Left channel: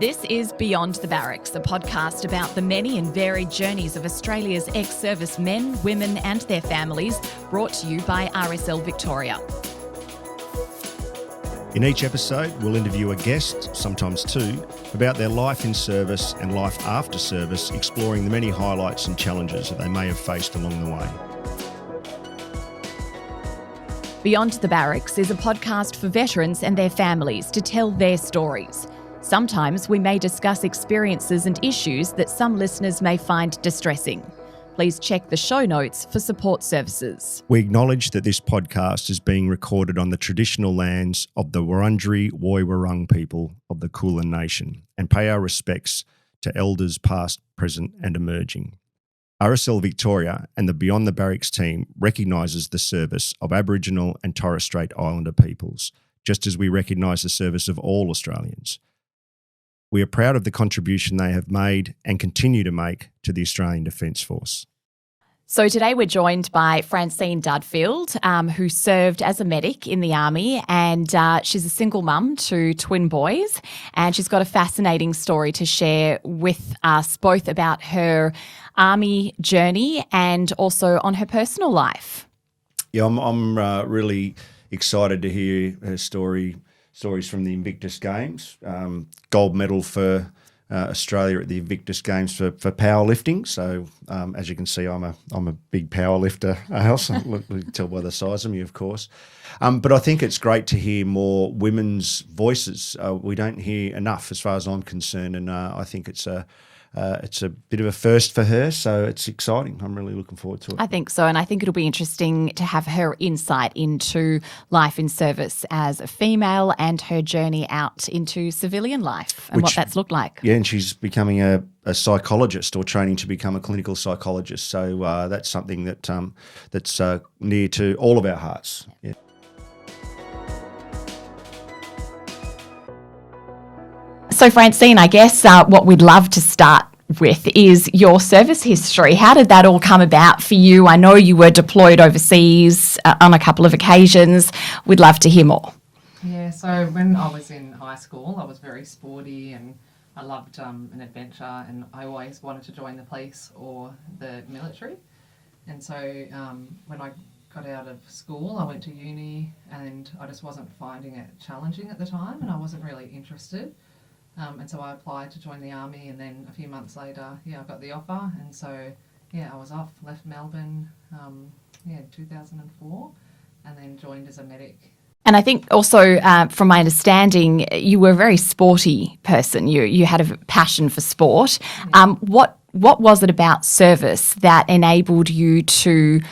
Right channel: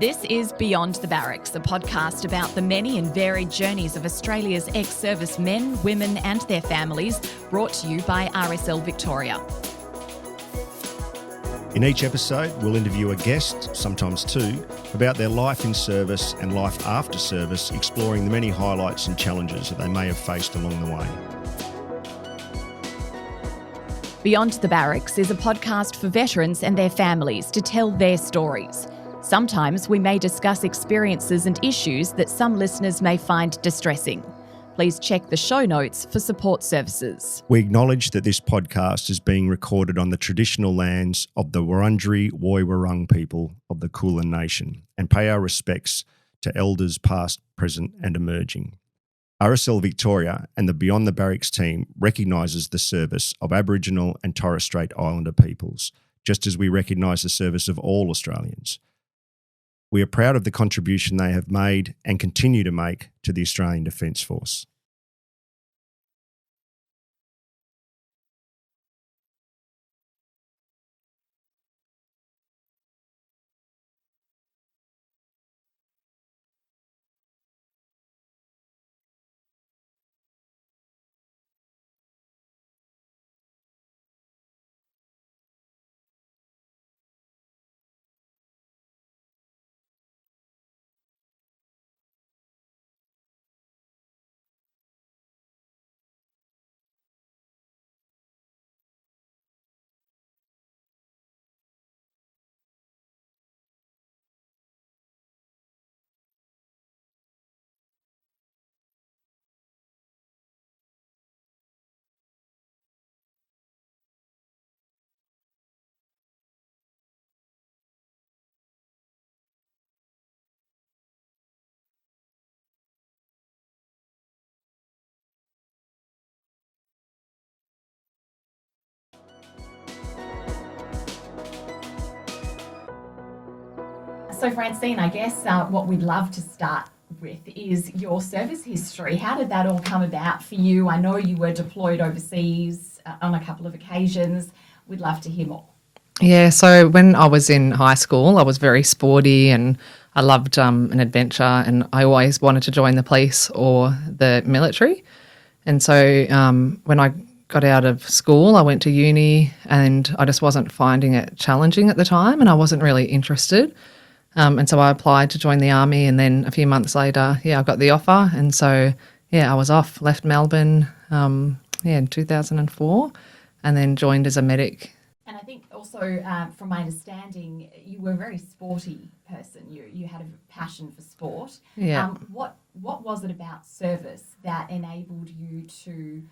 This is Beyond the Barracks, a podcast about the many and varied journeys of Australia's ex-service men, women and their families, brought to you by RSL Victoria. In each episode, we'll interview a guest, sometimes two, about their life in service and life after service, exploring the many highlights and challenges that they may have faced along the way. Beyond the Barracks is a podcast for veterans and their families to tell their stories. Sometimes we may discuss experiences and issues that some listeners may find distressing. Please check the show notes for support services. We acknowledge that this podcast is being recorded on the traditional lands of the Wurundjeri Woi-wurrung people of the Kulin Nation and pay our respects to elders past, present and emerging. RSL Victoria and the Beyond the Barracks team recognises the service of Aboriginal and Torres Strait Islander peoples, just as we recognise the service of all Australians. We are proud of the contribution they have made and continue to make to the Australian Defence Force. So today we're joined by Francine Dudfield, who served as a medic in the Army, and she's a single mum to twin boys, and she's got a fascinating story to share with us, both about her Army journey and also on her personal life. Yeah, I'm really excited to hear her stories from the Invictus Games. Gold medal for Australia at the Invictus Games for powerlifting. So as you can see, I'm a big powerlifter, Alice. You can tell by the size of me, of course. But I think it's great to hear more women's voices. We don't hear enough, as far as I'm concerned, and I think it's a bit of a first for her, so it's exciting. I'm really looking forward to it. I think so, and I think it'll be interesting to have her insight into life in service as a female and her journey out into civilian life and what that's looked like. Yeah, and she's becoming a psychologist or training to become a clinical psychologist, so that's something that's near to all of our hearts. Yeah. So Francine, I guess what we'd love to start with is your service history. How did that all come about for you? I know you were deployed overseas on a couple of occasions. We'd love to hear more. Yeah, so when I was in high school, I was very sporty and I loved an adventure, and I always wanted to join the police or the military. And so when I got out of school, I went to uni and I just wasn't finding it challenging at the time, and I wasn't really interested. And so I applied to join the Army, and then a few months later, I got the offer. And so, I was off, left Melbourne, in 2004, and then joined as a medic. And I think also, from my understanding, you were a very sporty person. You had a passion for sport. Yeah. What was it about service that enabled you to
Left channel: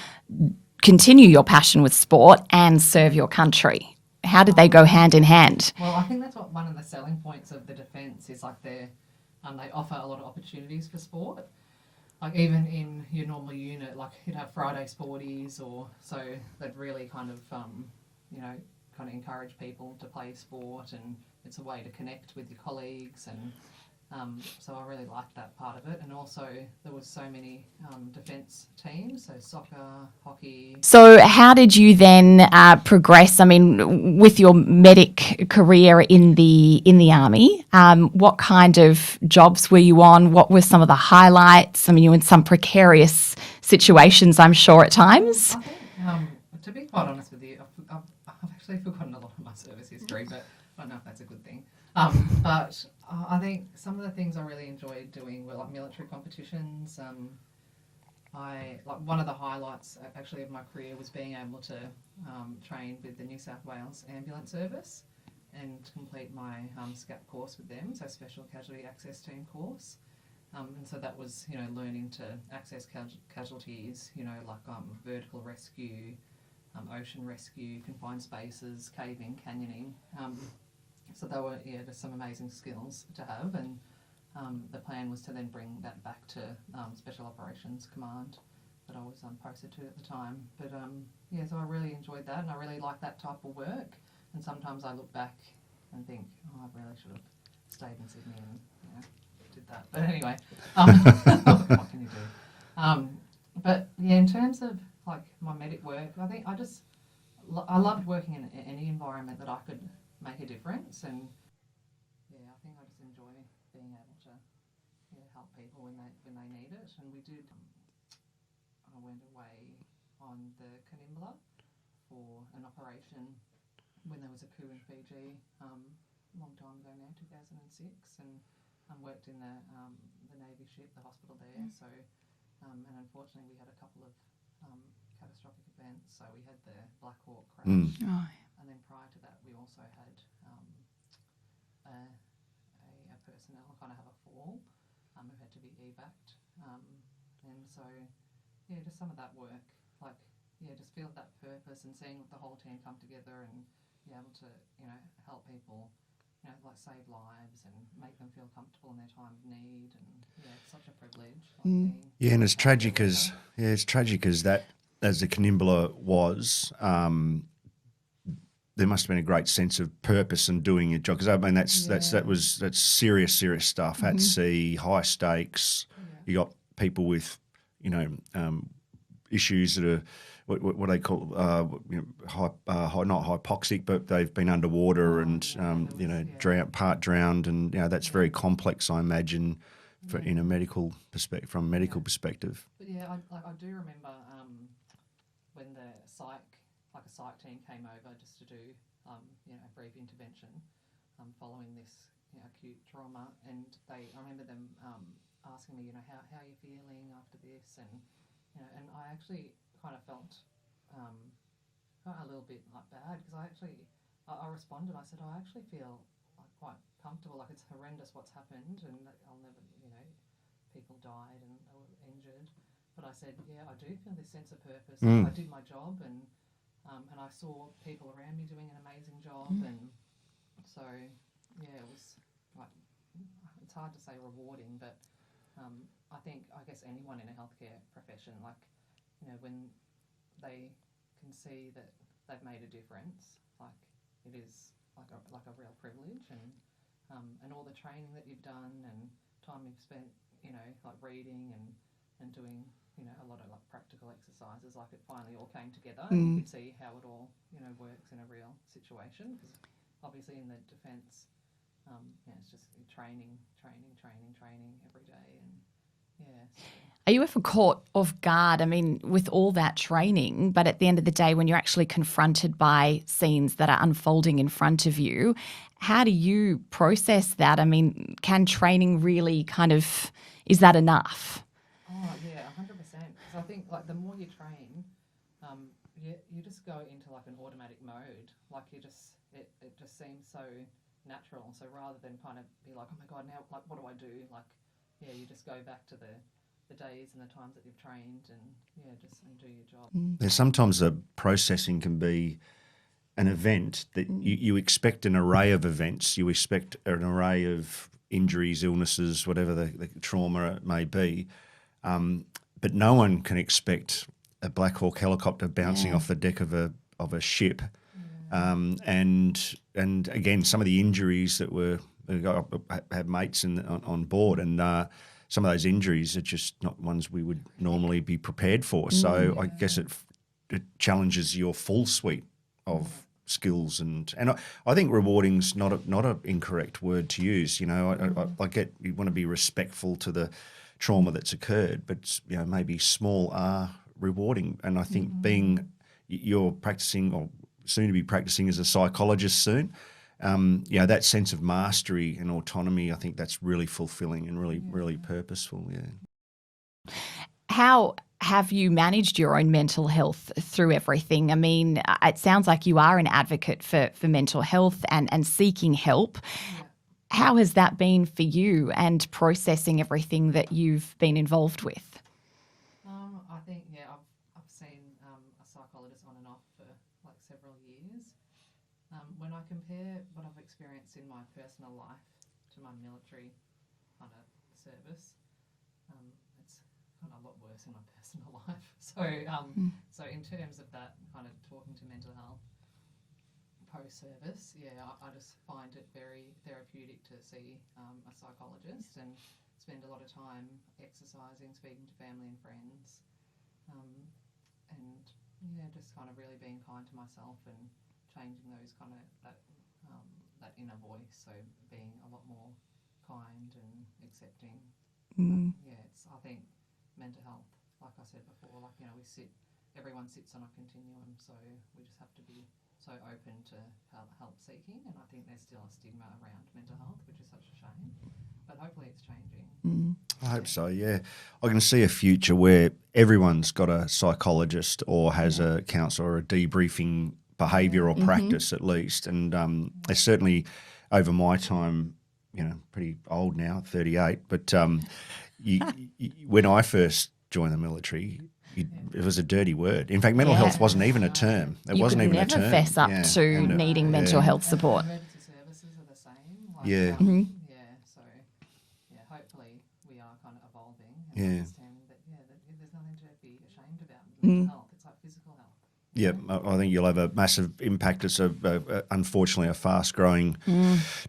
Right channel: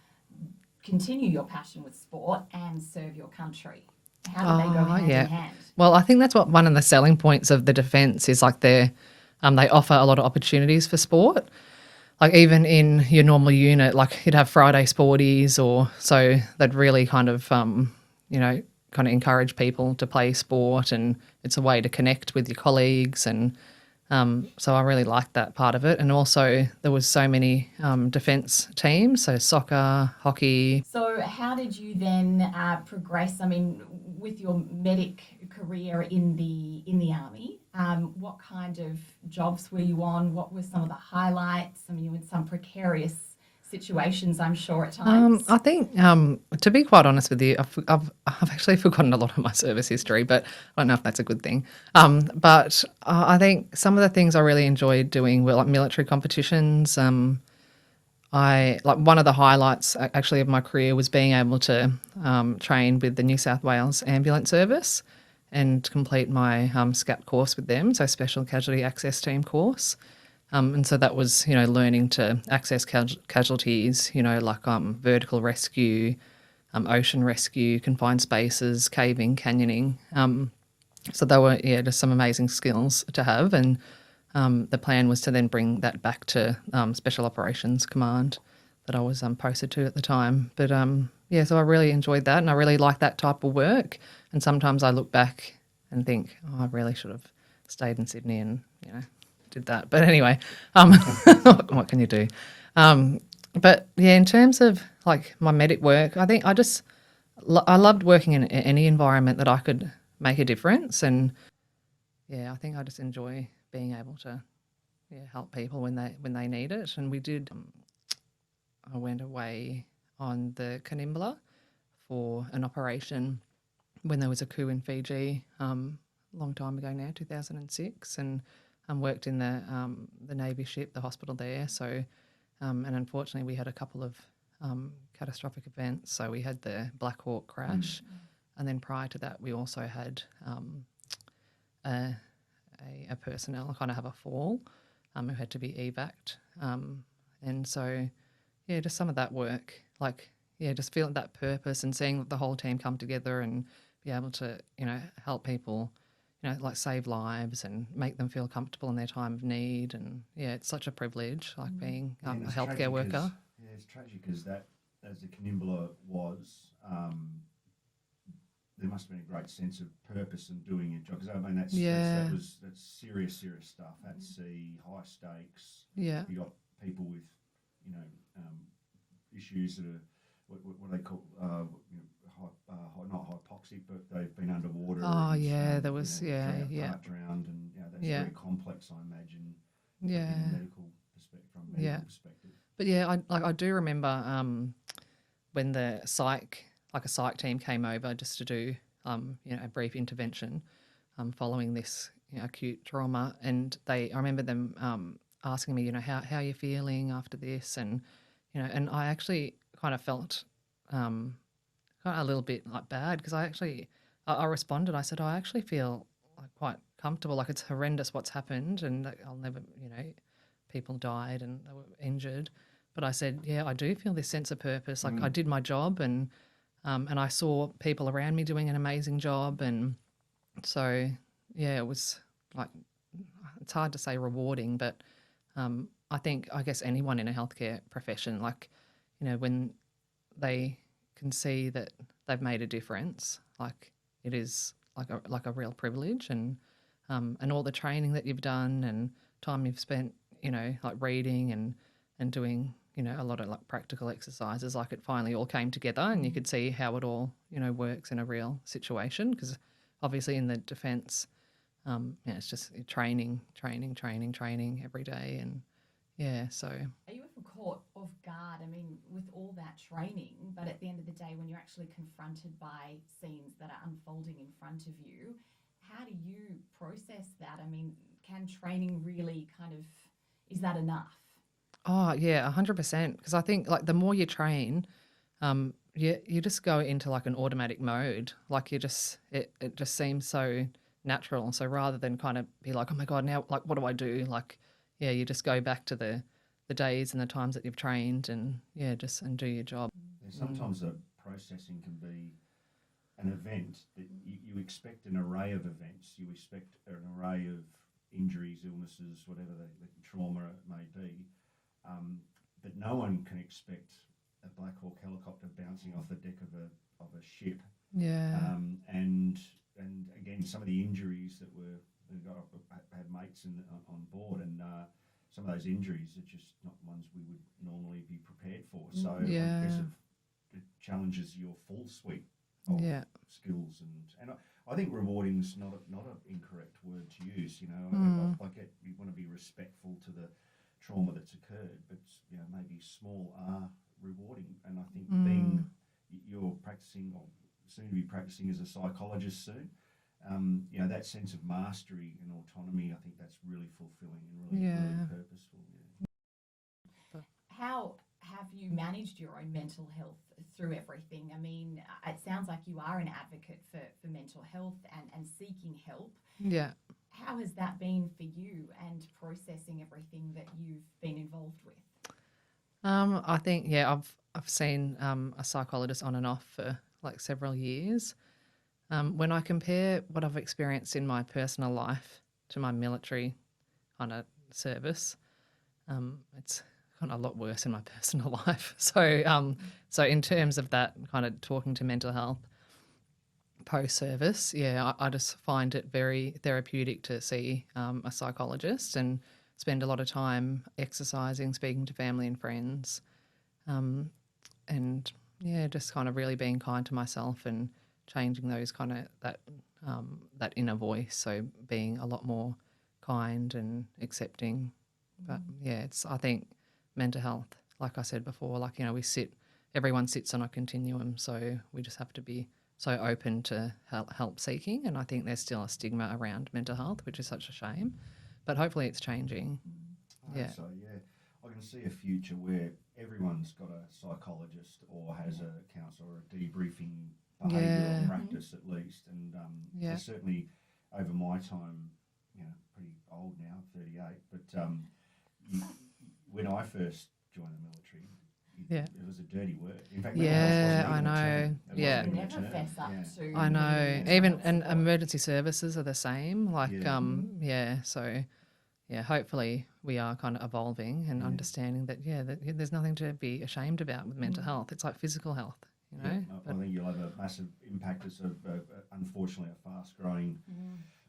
continue your passion with sport and serve your country? How did they go hand in hand? Well, I think that's what one of the selling points of the defence is, like they offer a lot of opportunities for sport. Like even in your normal unit, like you'd have Friday sporties, or so they'd really kind of encourage people to play sport, and it's a way to connect with your colleagues, and so I really liked that part of it. And also there was so many defence teams, so soccer, hockey. So how did you then progress? I mean, with your medic career in the Army, what kind of jobs were you on? What were some of the highlights? I mean, you were in some precarious situations, I'm sure, at times. I think, to be quite honest with you, I've actually forgotten a lot of my service history, but I don't know if that's a good thing. But I think some of the things I really enjoyed doing were like military competitions. One of the highlights actually of my career was being able to train with the New South Wales Ambulance Service and complete my SCAP course with them, so Special Casualty Access Team course. And so that was, learning to access casualties, like vertical rescue, ocean rescue, confined spaces, caving, canyoning. So they were, just some amazing skills to have. And the plan was to then bring that back to Special Operations Command that I was posted to at the time. But, so I really enjoyed that, and I really like that type of work. And sometimes I look back and think, I really should have stayed in Sydney and, did that. But anyway, what can you do? But in terms of like my medic work, I think I loved working in any environment that I could make a difference. And I think I just enjoy being able to help people when they need it. And we did. I went away on the Canimbla for an operation when there was a coup in Fiji, long time ago now, 2006, and worked in the Navy ship, the hospital there. So, and unfortunately, we had a couple of catastrophic events. So we had the Black Hawk crash, and then prior to that, we also had a personnel kind of have a fall who had to be evac'd. And so, just some of that work, just feeling that purpose and seeing the whole team come together and be able to, help people, save lives and make them feel comfortable in their time of need. And it's such a privilege, being and as a healthcare tragic worker. as tragic as that, as the Canimbla was, there must have been a great sense of purpose in doing your job, because I mean that's serious stuff at sea, high stakes. Yeah. You got people with issues that are what they call not hypoxic, but they've been underwater drowned, and that's very complex, I imagine, in a medical perspective, from a medical perspective. But I do remember when the psych team came over just to do a brief intervention following this acute trauma, and I remember them asking me, how are you feeling after this, and and I actually kind of felt kind of a little bit bad, because I responded. I said, I actually feel quite comfortable. It's horrendous what's happened, and I'll never, people died and they were injured. But I said, I do feel this sense of purpose. I did my job, and I saw people around me doing an amazing job, and so it was it's hard to say rewarding, but I guess anyone in a healthcare profession, when they can see that they've made a difference, it is a real privilege, and all the training that you've done and time you've spent, reading and doing, a lot of practical exercises, it finally all came together, and you could see how it all, works in a real situation, because obviously in the defence, it's just training every day, and so. Are you ever caught off guard, with all that training, but at the end of the day, when you're actually confronted by scenes that are unfolding in front of you, how do you process that? Can training really is that enough? Oh, yeah, 100%. Because I think, the more you train, you just go into, an automatic mode. It just seems so natural. So rather than kind of be oh my God, now, what do I do? You just go back to the days and the times that you've trained, and and do your job. Yeah, sometimes the processing can be an event that you expect an array of events. You expect an array of injuries, illnesses, whatever the trauma it may be. But no one can expect a Black Hawk helicopter bouncing off the deck of a ship. Yeah. And again, some of the injuries that had mates on board, and some of those injuries are just not ones we would normally be prepared for. So I guess it challenges your full suite of skills, and I think rewarding's not an incorrect word to use. I get you want to be respectful to the trauma that's occurred, but maybe small are rewarding. And I think you're practicing, or soon to be practicing as a psychologist soon, that sense of mastery and autonomy, I think that's really fulfilling and really purposeful. Yeah. How have you managed your own mental health through everything? It sounds like you are an advocate for mental health and seeking help. Yeah. How has that been for you, and processing everything that you've been involved with? I think, I've seen a psychologist on and off for several years. When I compare what I've experienced in my personal life to my military kind of service, it's kind of a lot worse in my personal life. So, so in terms of that kind of talking to mental health post-service, I just find it very therapeutic to see a psychologist and spend a lot of time exercising, speaking to family and friends, and just kind of really being kind to myself and changing those that that inner voice. So being a lot more kind and accepting. But yeah, I think mental health, like I said before, like, you know, everyone sits on a continuum, so we just have to be so open to help seeking. And I think there's still a stigma around mental health, which is such a shame. But hopefully it's changing. I hope so, yeah. I can see a future where everyone's got a psychologist or has a counsellor or a debriefing behavioural practice at least. And it's certainly over my time, you know, pretty old now, 38, but when I first joined the military, it was a dirty word. In fact, mental health wasn't even a term. It wasn't even a term. Never fess up to needing mental health support. And emergency services are the same. Like, so, yeah, hopefully we are kind of evolving and understanding that, there's nothing to be ashamed about with mental health. It's like physical health. Yeah, I think you'll have a massive impact. It's unfortunately a fast-growing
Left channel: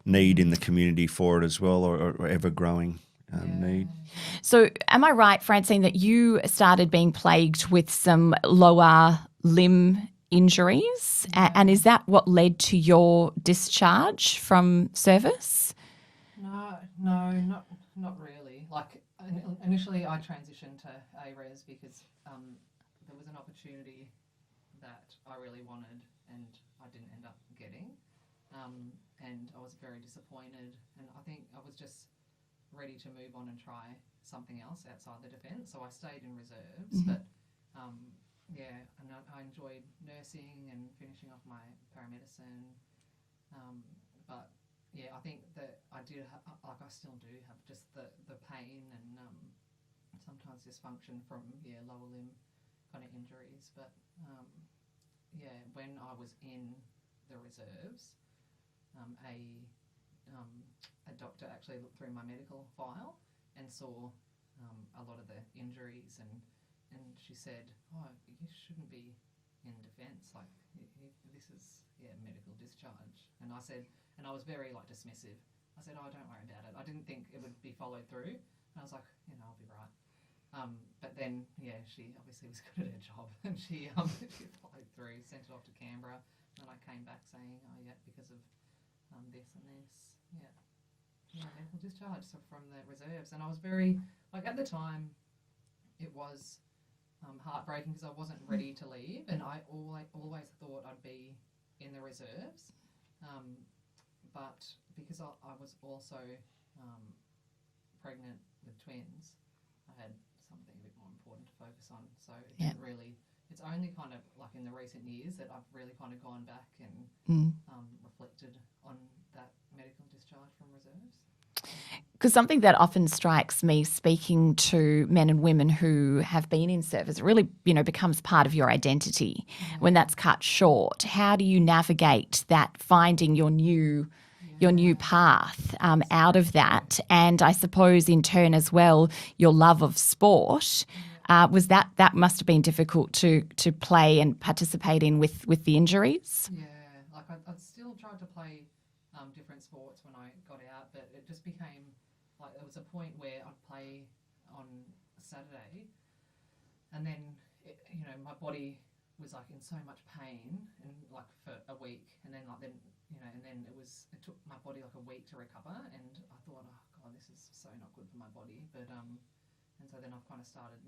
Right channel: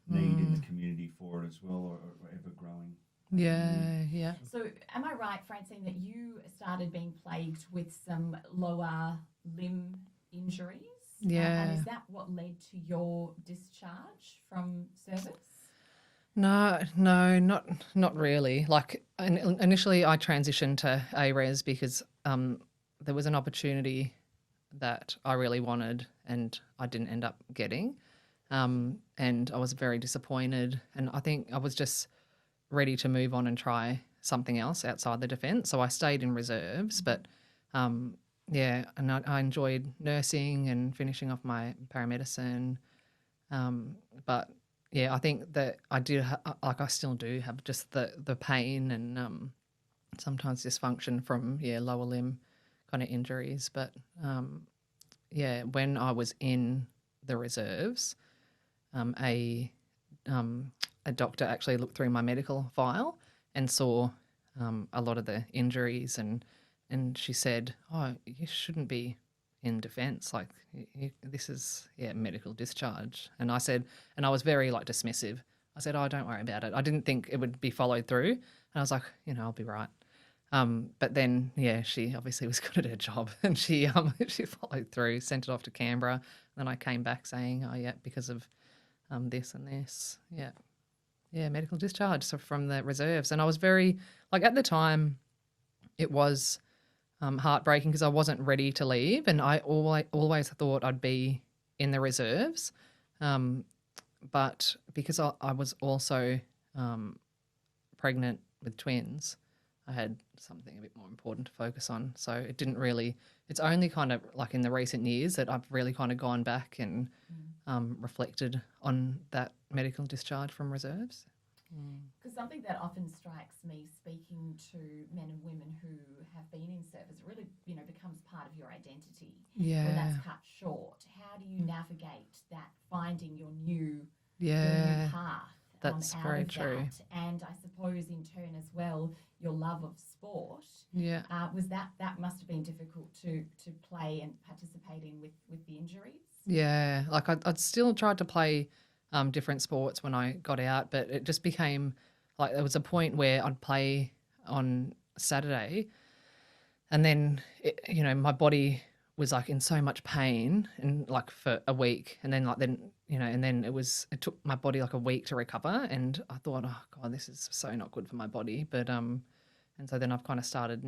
need in the community for it as well, or ever-growing need. So am I right, Francine, that you started being plagued with some lower limb injuries? And is that what led to your discharge from service? No, not really. Like initially I transitioned to ARES because there was an opportunity that I really wanted and I didn't end up getting. And I was very disappointed, and I think I was just ready to move on and try something else outside the defence. So I stayed in reserves, but and I enjoyed nursing and finishing off my paramedicine. But yeah, I think that I did, I still do have just the pain and sometimes dysfunction from lower limb kind of injuries. But when I was in the reserves, a doctor actually looked through my medical file and saw a lot of the injuries, and she said, "Oh, you shouldn't be in defence. Like this is medical discharge." And I said, and I was very dismissive. I said, "Oh, don't worry about it." I didn't think it would be followed through, and I was like, I'll be right. But then she obviously was good at her job, and she followed through, sent it off to Canberra, and I came back saying, "Oh yeah, because of this and this, medical discharge." So from the reserves, and I was very at the time, it was heartbreaking because I wasn't ready to leave, and I always thought I'd be in the reserves, but because I was also pregnant with twins, I had something a bit more important to focus on. So it didn't really. It's only kind of in the recent years that I've really kind of gone back and reflected on that medical discharge from reserves. Because something that often strikes me speaking to men and women who have been in service, it really, becomes part of your identity when that's cut short. How do you navigate that, finding your new path out of that? And I suppose in turn as well, your love of sport, was that must have been difficult to play and participate in with the injuries? Yeah, I'd still tried to play different sports when I got out, but it just became there was a point where I'd play on Saturday, and then my body was in so much pain and for a week, and then and then it took my body a week to recover, and I thought, oh God, this is so not good for my body. But and so then I've kind of started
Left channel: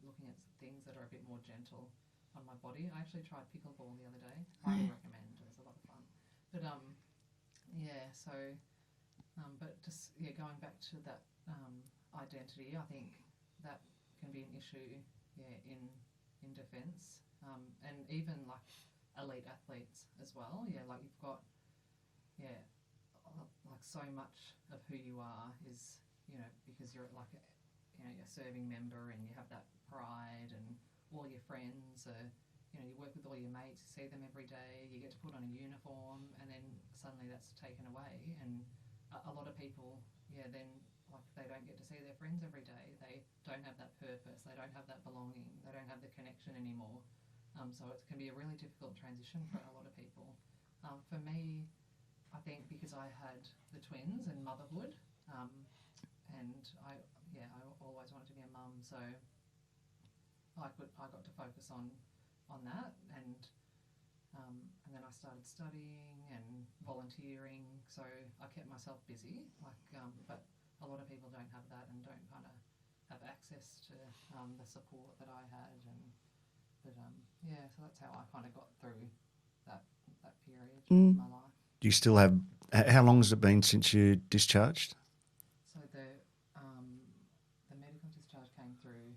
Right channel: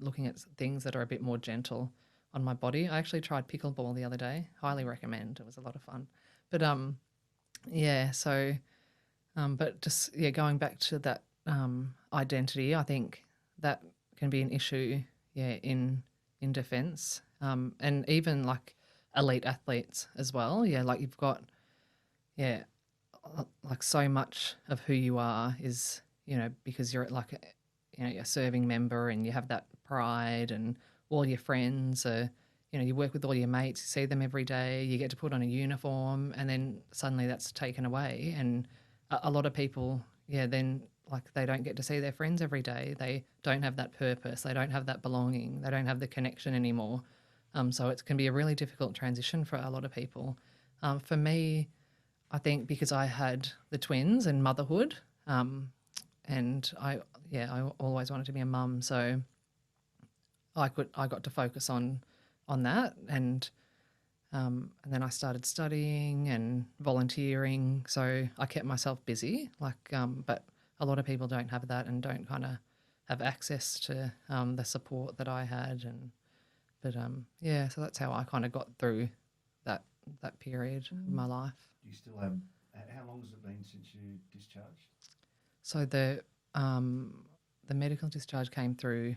looking at things that are a bit more gentle on my body. I actually tried pickleball the other day. Highly recommend. It was a lot of fun. But but just going back to that identity, I think that can be an issue in defence, and even elite athletes as well. You've got so much of who you are is because you're a serving member, and you have that pride, and all your friends are you work with all your mates, you see them every day, you get to put on a uniform, and then suddenly that's taken away. And a lot of people, then they don't get to see their friends every day. They don't have that purpose. They don't have that belonging. They don't have the connection anymore. So it can be a really difficult transition for a lot of people. For me, I think because I had the twins and motherhood, and I always wanted to be a mum, so I got to focus on that, and And then I started studying and volunteering, so I kept myself busy. But a lot of people don't have that and don't kind of have access to the support that I had. So that's how I kind of got through that period in my life. Do you still have? How long has it been since you discharged? So the medical discharge came through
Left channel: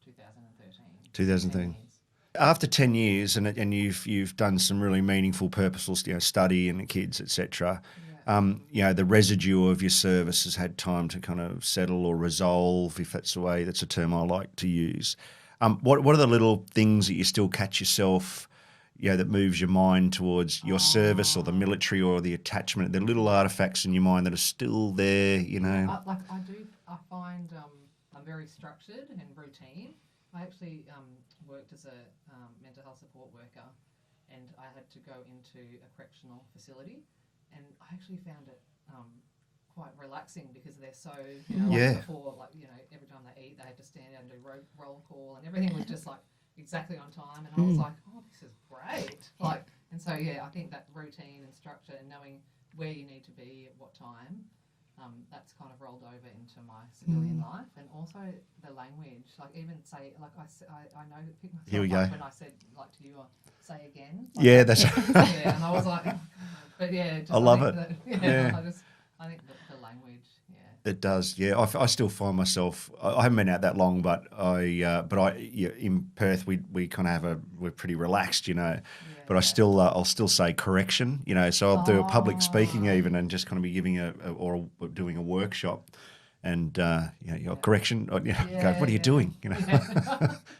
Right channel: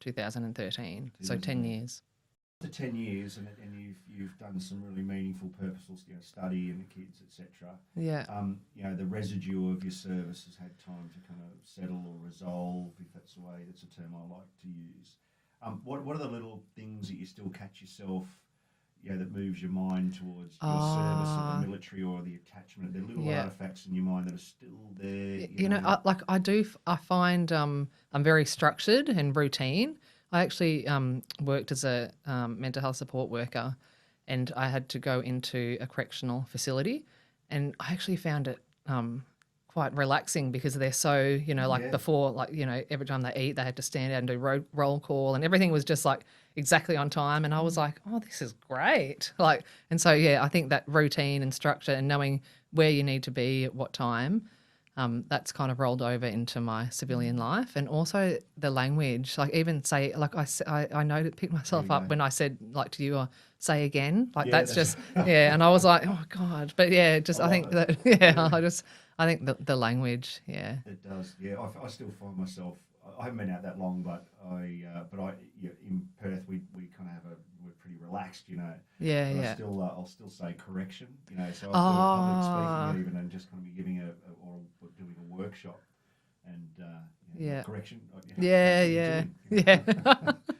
2013. 2013. So 10 years. After 10 years, and you've done some really meaningful, purposeful, study in the kids, etc. Yeah. The residue of your service has had time to kind of settle or resolve, if that's a term I like to use. What are the little things that you still catch yourself, that moves your mind towards your service or the military or the attachment? The little artifacts in your mind that are still there, I find I'm very structured and routine. I actually worked as a mental health support worker, and I had to go into a correctional facility, and I actually found it quite relaxing because they're so, before, every time they eat, they had to stand out and do roll call, and everything was just exactly on time. And I was like, oh, this is great. I think that routine and structure and knowing where you need to be at what time, that's kind of rolled over into my civilian life. And also the language, I know to pick myself up when I said to you, say again. And I was like, oh God. But I think the language, it does. Yeah, I still find myself. I haven't been out that long, but in Perth we kind of we're pretty relaxed, Yeah. But I'll still say correction, So I'll do a public speaking even, and just kind of be giving or doing a workshop, and correction. What are you doing?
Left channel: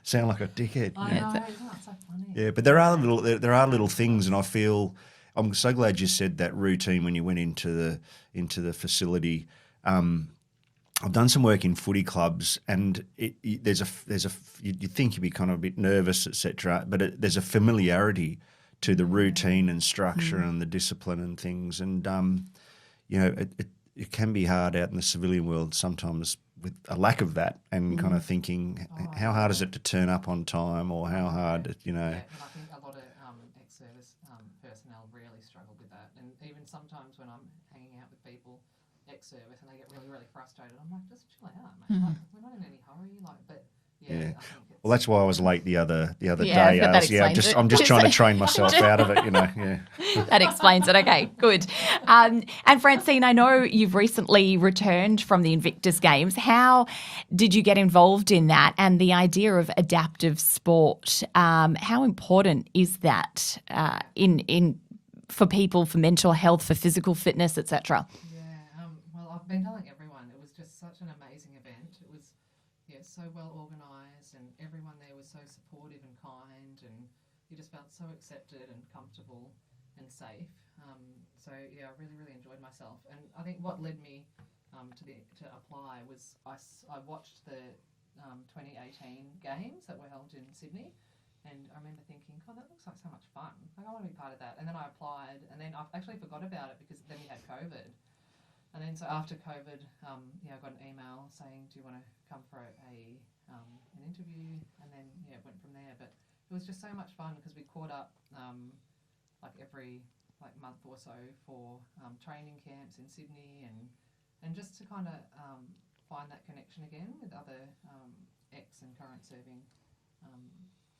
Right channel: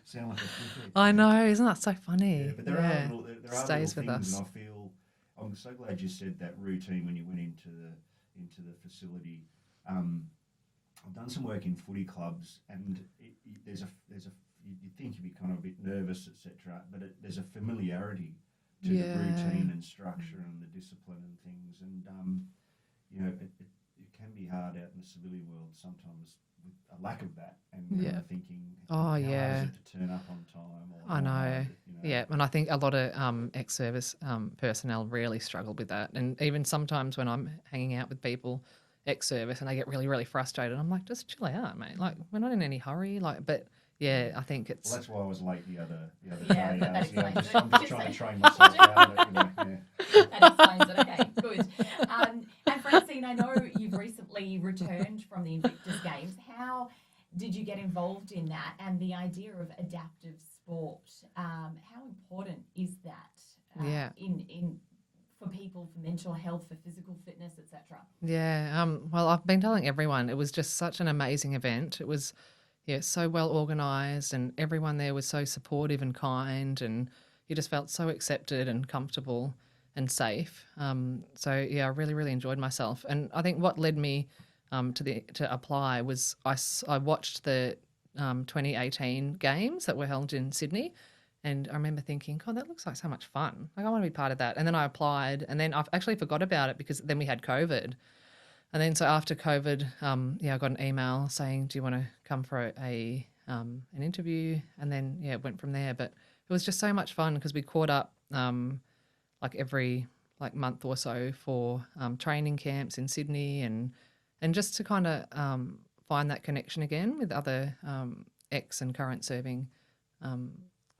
Sound like a dickhead. I know, isn't that so funny? Yeah, but there are little things, and I feel. I'm so glad you said that routine when you went into the facility. I've done some work in footy clubs, and you think you'd be kind of a bit nervous, etc. But there's a familiarity to the routine and structure and the discipline and things, and it can be hard out in the civilian world sometimes with a lack of that, and kind of thinking, how hard is it to turn up on time, or how hard, Yeah, and I think a lot of ex-service personnel really struggle with that. And even sometimes when I'm hanging out with people ex-service and they get really, really frustrated, I'm like, just chill out, mate. We're not in any hurry. I think it's... Well, that's why I was late the other day. I'm just trying to train myself out of it, That explains it. Okay, good. And Francine, I know you've recently returned from the Invictus Games. How did you get involved in that, and the idea of adaptive sport? How important is that for people, for mental health, for physical fitness, etc.? Yeah. Well, I've been telling everyone it was just such an amazing event. It was. Yeah, so well organised, and everyone there was so supportive and kind, and you just felt so accepted and comfortable and safe. I really, really enjoyed myself. And I think what led me to apply was I watched the 2018 games that were held in Sydney, and I remember thinking, God, that looks like so much fun. I want to be part of that. And then I applied, and then I actually forgot about it because then we had COVID. And then so after COVID, I got an email saying, do you want to come for an interview? And then, it went from there. But it was just so much fun because we caught up every month or so for training camps in Sydney, and just to kind of find that connection again with other ex and current serving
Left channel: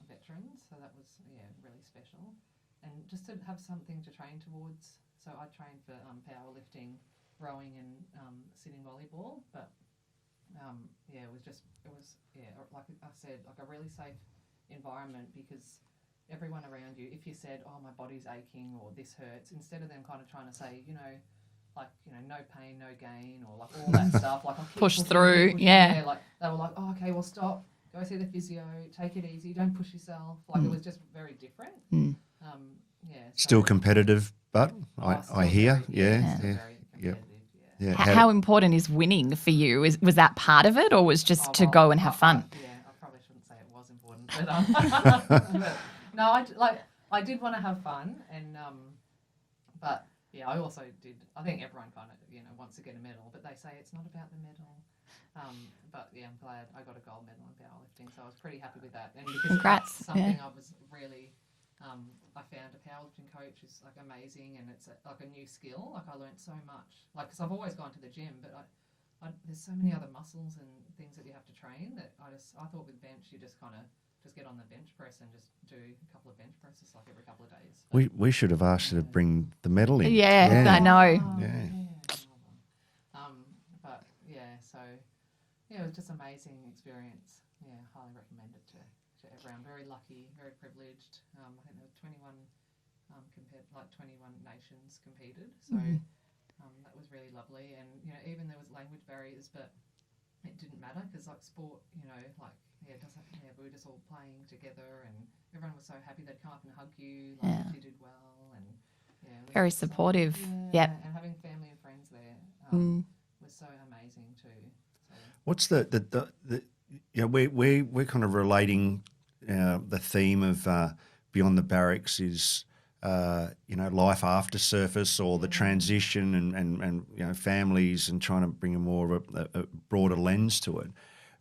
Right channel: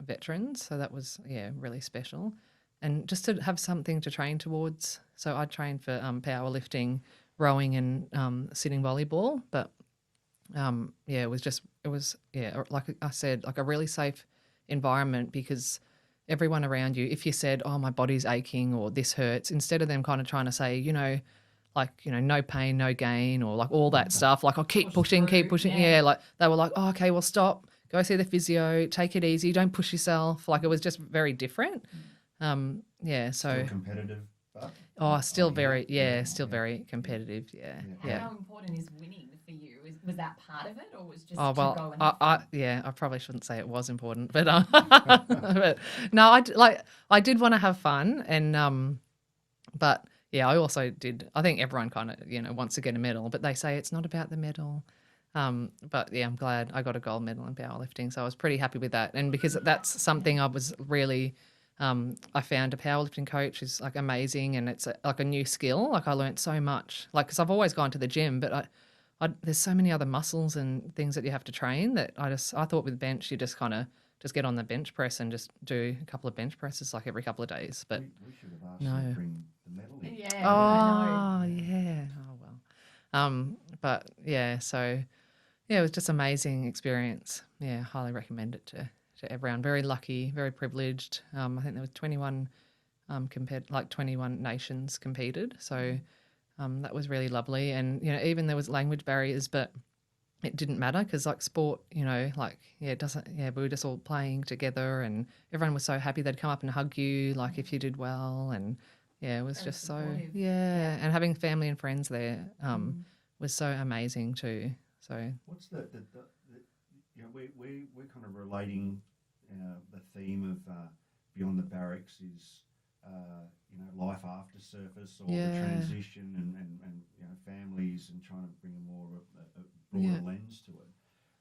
veterans. So that was, really special. And just to have something to train towards. So I trained for powerlifting, rowing and sitting volleyball, but it was like I said, like a really safe environment, because everyone around you, if you said, oh, my body's aching or this hurts, instead of them kind of trying to say, no pain, no gain, or all that stuff, I'll keep pushing, keep pushing. Yeah, they were like, oh, okay, well, stop, go see the physio, take it easy, don't push yourself. It was just very different. Still competitive. But still very competitive. Yeah. How important is winning for you? Was that part of it, or was just to go and have fun? I probably shouldn't say it was important, but but no, I did want to have fun, and but I also did. I think everyone kind of wants to get a medal, but they say it's not about the medal. But I'm glad I got a gold medal in powerlifting, so I was pretty happy with that, and because that's something I was really I found a powerlifting coach who's like amazing, and it's like a new skill. Like I learnt so much, like because I've always gone to the gym, but there's so many other muscles and things that you have to train that I thought with bench you just kind of just get on the bench press and just do a couple of bench presses like every couple of days. But We should have asked you to bring the medal in. Yeah, I know. Oh, yeah. Oh, well. But yeah, so yeah, it was just amazing experience. Yeah, highly recommend it to everyone. Very lucky, very privileged. I think there was 21 21 nations competed. So that was really lovely. And, even there was language barriers, but it didn't matter because like sport, it doesn't, we were just all playing together and everyone was so happy they'd come up and hug you, like if you did well. And it was Very just supportive. And having family and friends there was so amazing too. So what's the we're kind of relating the theme of Beyond the Barracks is life after surface or the transition and families and trying to bring a more of a broader lens to it.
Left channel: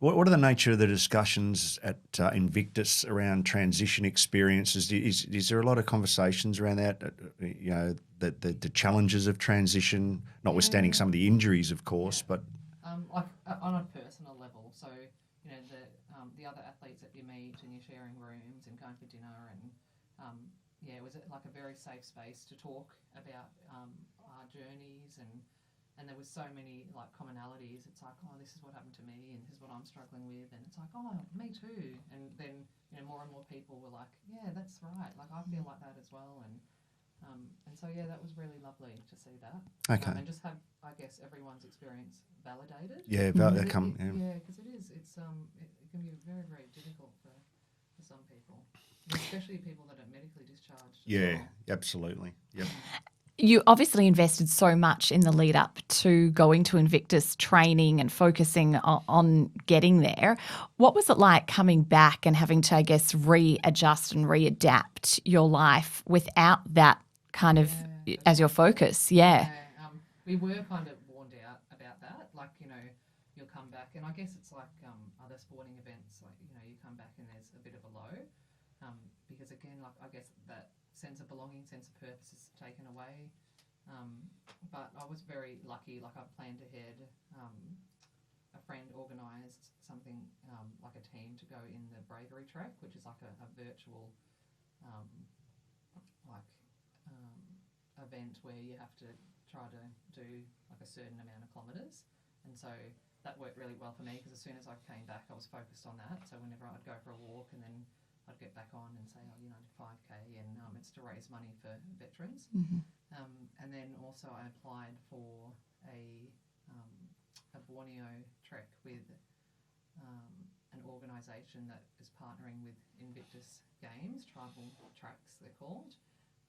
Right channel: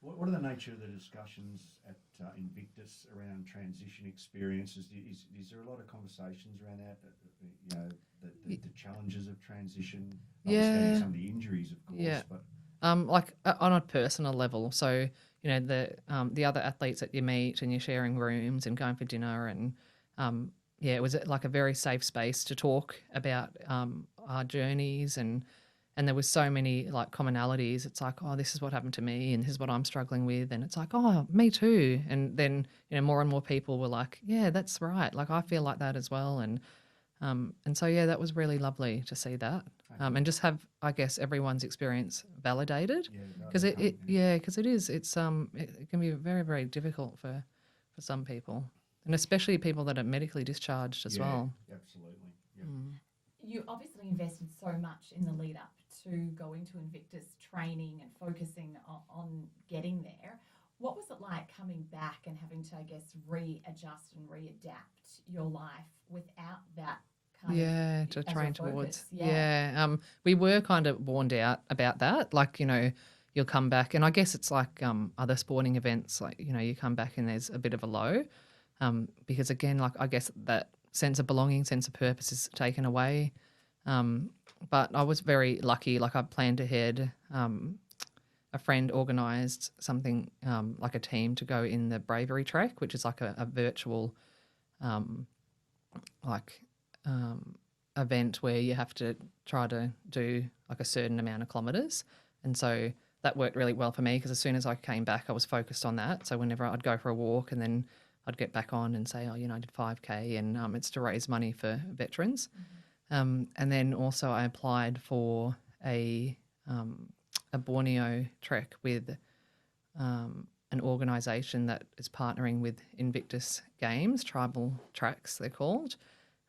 What are the nature of the discussions at Invictus around transition experiences? Is there a lot of conversations around that? The challenges of transition, notwithstanding some of the injuries, of course, but like on a personal level. So the other athletes that you meet and you're sharing rooms and going for dinner and it was like a very safe space to talk about our journeys and there was so many like commonalities. It's like, oh, this is what happened to me and this is what I'm struggling with. And it's like, oh, me too. And then, more and more people were like, yeah, that's right. Like I feel like that as well. And so, that was really lovely to see that. Okay. And just have, I guess, everyone's experience validated. Yeah, because it can be very, very difficult for some people. And especially people that are medically discharged as well. Yeah, absolutely. Yep. You obviously invested so much in the lead up to going to Invictus training and focusing on getting there. What was it like coming back and having to, I guess, readjust and readapt your life without that kind of as your focus? Yeah. We were kind of warned out about that. Like, you'll come back and I guess it's like other sporting events, like, you come back and there's a bit of a low. Because again, like I guess that sense of belonging, sense of purpose is taken away. But I was very lucky. Like I planned ahead. A friend organised something like a team to go in the bravery track, which is like a virtual event where you have to try to do like a certain amount of kilometres. And so that worked really well for me because as soon as I came back, I was focused on that. So whenever I'd go for a walk and then I'd get back on and say, I did 5K and it's to raise money for veterans. And then also I applied for a Borneo trek with an organisation that is partnering with Invictus Games, tribal tracks they're called.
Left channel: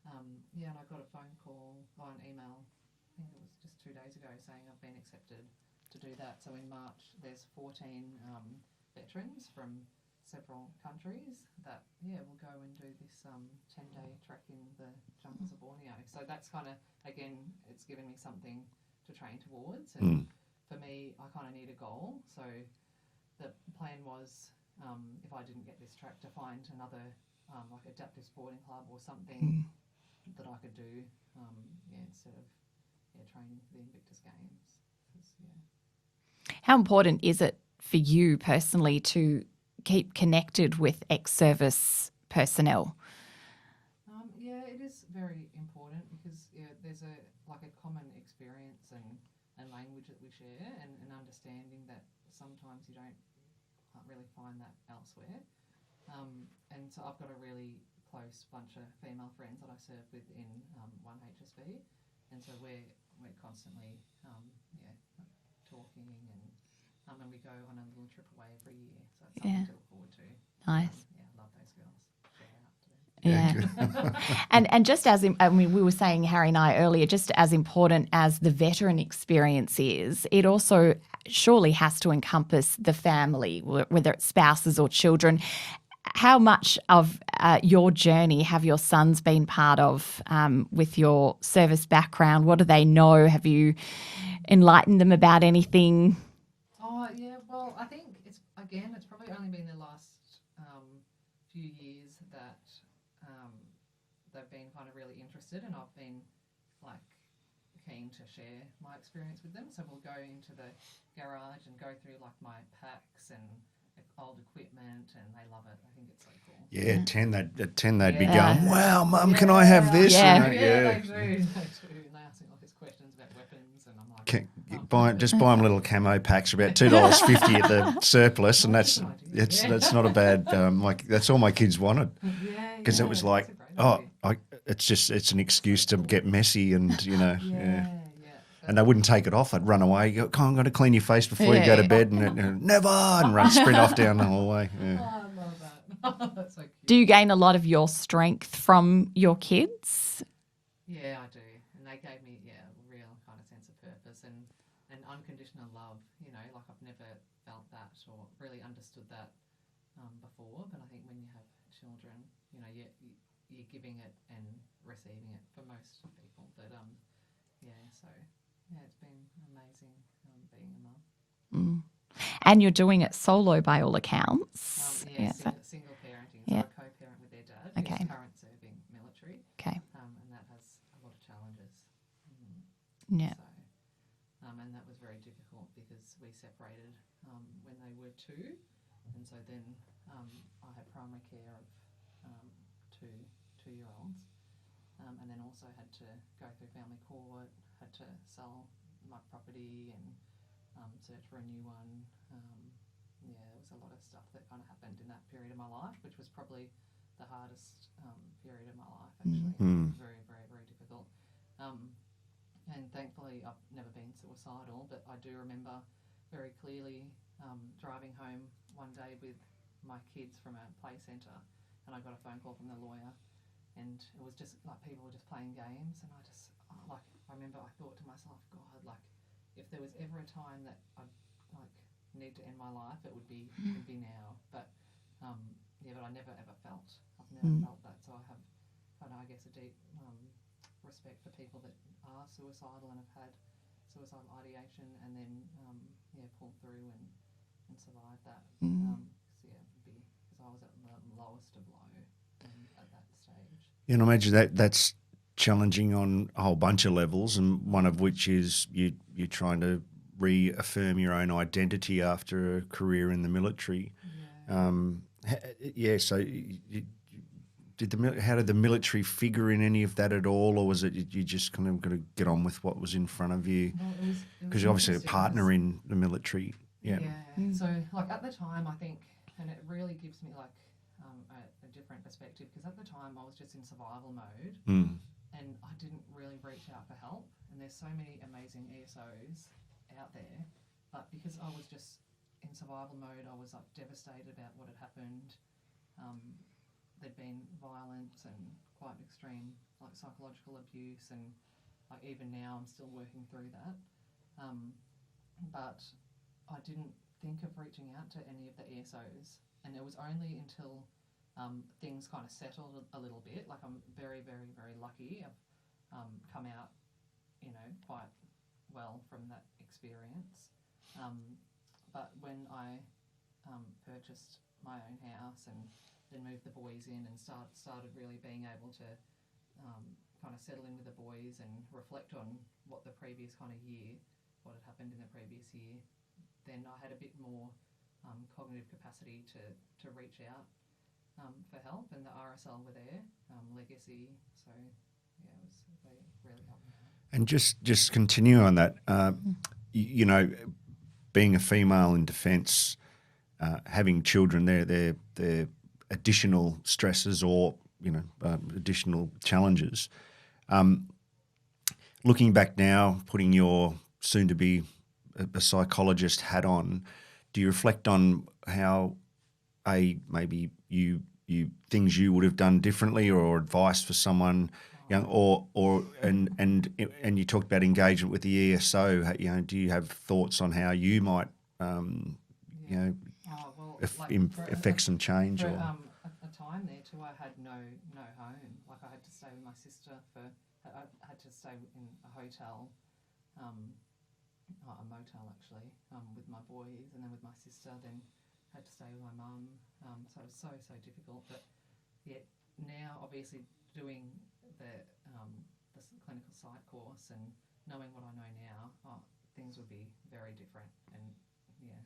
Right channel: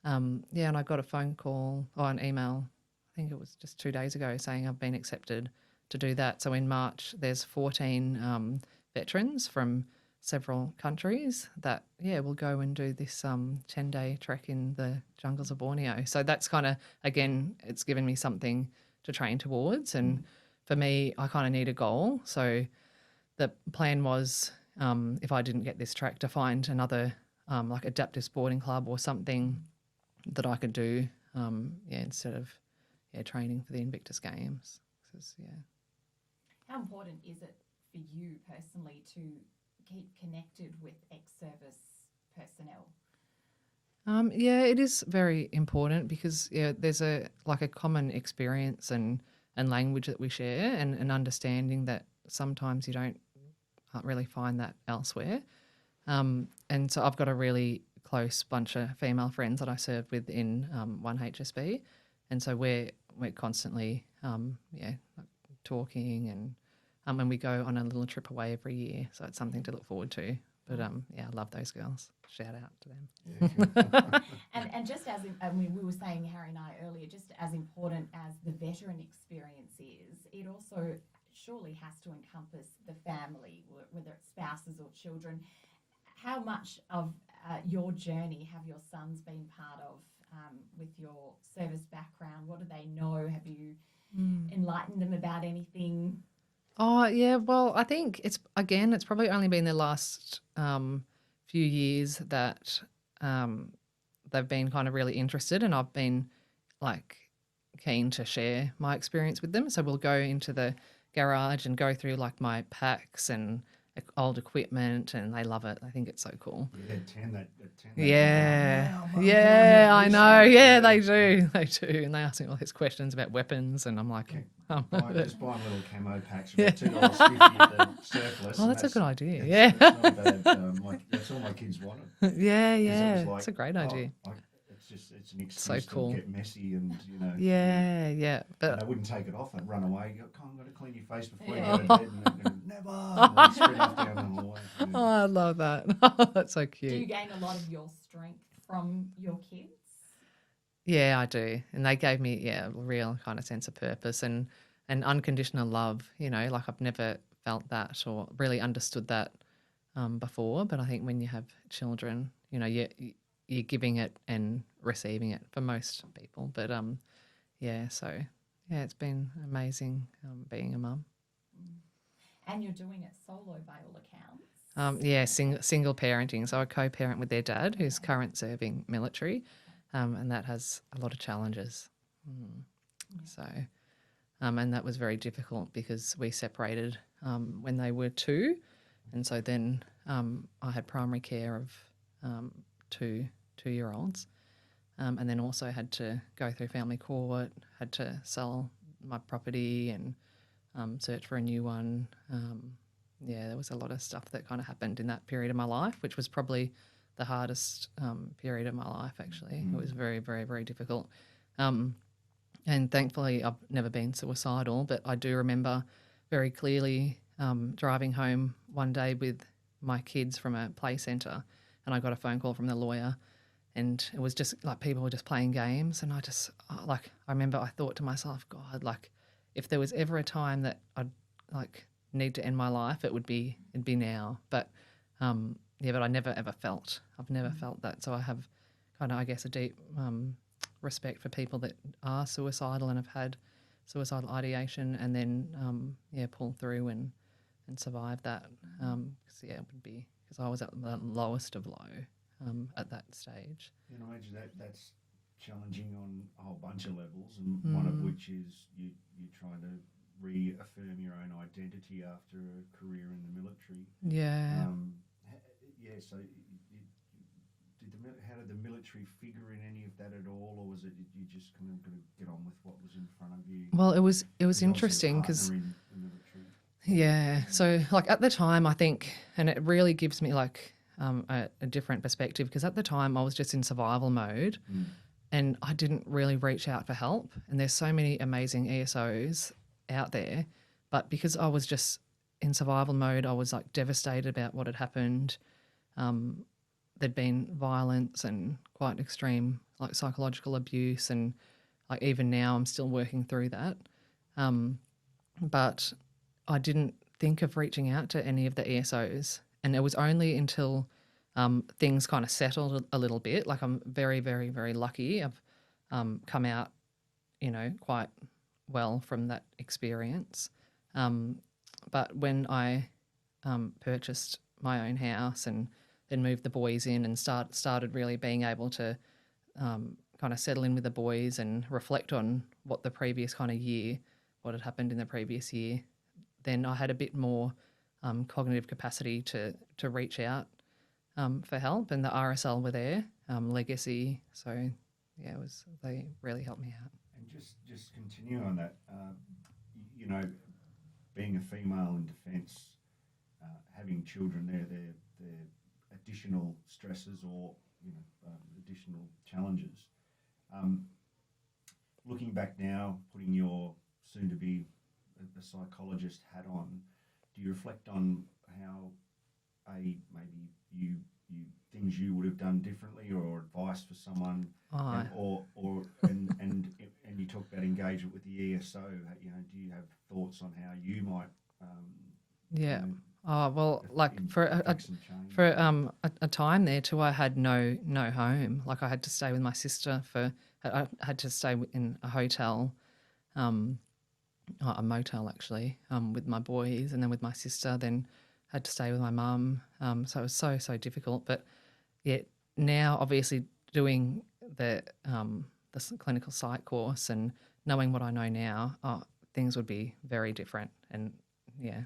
And I got a phone call or an email, I think it was just 2 days ago, saying I've been accepted to do that. So in March there's 14 veterans from several countries that will go and do this 10-day trek in the jungles of Borneo. So that's kind of, again, it's given me something to train towards. And for me, I kind of need a goal. So the plan was if I didn't get this track to find another like adaptive sporting club or something that I could do instead of training for the Invictus Games. How important is it for you personally to keep connected with ex-service personnel? It is very important because there's a common experience and language that we share and an understanding that sometimes you can't really find that elsewhere. And so I've got a really close bunch of female friends that I serve with in 1HSB, and so we're constantly talking and we go on a little trip away every year, so it's something to look forward to. Nice. But, I love those girls. Shout out to them. Yeah. and just as, we were saying, Harry and I earlier, just as important as the veteran experience is, it also surely has to encompass the family, whether it's spouses or children. How much of your journey have your sons been part of with your service background? What do they know? Have you enlightened them about anything? Oh, yeah. Well, I think it's probably only been the last few years that they've been kind of really interested, and I've been like keen to share my experience with them. So we'll go into the garage and go through like my packs and old equipment, and they love it. I think it's so cool. Yeah, at 10 they'd be going, Yeah. wow, Mum, can I have this? I know. And- Yeah, they do. And they ask me all these questions about weapons, and I'm like, just buy them little camo packs for about $2.50 at the surplus, and that's a good idea. That's not a bad. That's all my kids wanted. yeah, Because it was like, it's a great idea. it's an excuse So cool. to get messy, and Yeah. But and they wouldn't take it off. I'd run away. Go, come on, I'm going to clean your face before you go to bed, and never, and run sprint off down the hallway. Yeah. oh, I love that. That's so cute. Do you gain a lot of your strength from your kids? Yeah, I do. And they gave me, a real kind of sense of purpose and unconditional love. Like I've never felt that or really understood that before. But I think when you have children, you're giving it and receiving it for most people. But it's been amazing being a mum. And you're doing it solo by all accounts. Single parenting. So I co-parent with their dad, who's Okay. current serving military. Okay. And that has a lot of challenges. Yeah. So, and that was very difficult because we separated when they were 2, and so then I had primary care of 2-year-olds, and then also had to go through family court, had to sell my property and search for a new one. There was a lot of stuff that kind of happened in that period of my life, which was probably the hardest period of my life, actually. It was very, very, very difficult. And thankfully, I've never been suicidal, but I do remember very clearly driving home one day with my kids from a play centre, and I got a phone call from the lawyer, and it was just like people were just playing games, and I remember I thought to myself, God, like if there was ever a time that I'd like need to end my life, it'd be now. But but I never ever felt. I've never felt that. So I have kind of, I guess, a deep respect for people that are suicidal and have had suicidal ideation, and then pull through and survive that. It would be because I was at the lowest of low at that stage. You know, imagine that's challenging on a whole bunch of levels, and one of which is you're trying to reaffirm your own identity after a career in the military. Yeah. So how did the military figure in any of that at all, or was it you just kind of got to get on with what was in front of you? Well, it was Because you're interesting. obviously a partner in the military. Yeah. So like at the time, I think, and it really gives me like a different perspective, because at the time I was just in survival mode. And I didn't really reach out for help. And there's so many amazing ESOs out there. But because I was just in survival mode, I was like devastated about what had happened. There'd been violence and quite extreme like psychological abuse. And like even now I'm still working through that. But I didn't think of reaching out to any of the ESOs. And it was only until things kind of settled a little bit. Like I'm very, very, very lucky. I've come out, quite well from that experience. But when I purchased my own house and then moved the boys in and started really being able to kind of settle in with the boys and reflect on what the previous kind of year, what had happened in the previous year, then I had a bit more cognitive capacity to reach out for help, and the RSL were there, Legacy. So they really helped me out. And just continue on that, being a female in defence, having children, they're additional stresses or additional challenges. Looking back now, putting your soon to be a psychologist hat on, do you reflect on how maybe you things you would have done differently, or advice for someone young, and you talked about engagement with the ESO, do you have thoughts on how you might affect some change? For a time there too, I had no home. Like I had to stay with my sister I had to stay in a hotel, a motel actually, with my boys, and then with my sister, then had to stay with my mum. So it was so difficult. But yet now, obviously, doing the clinical psych course and knowing what I know now, things would be very different. And yeah,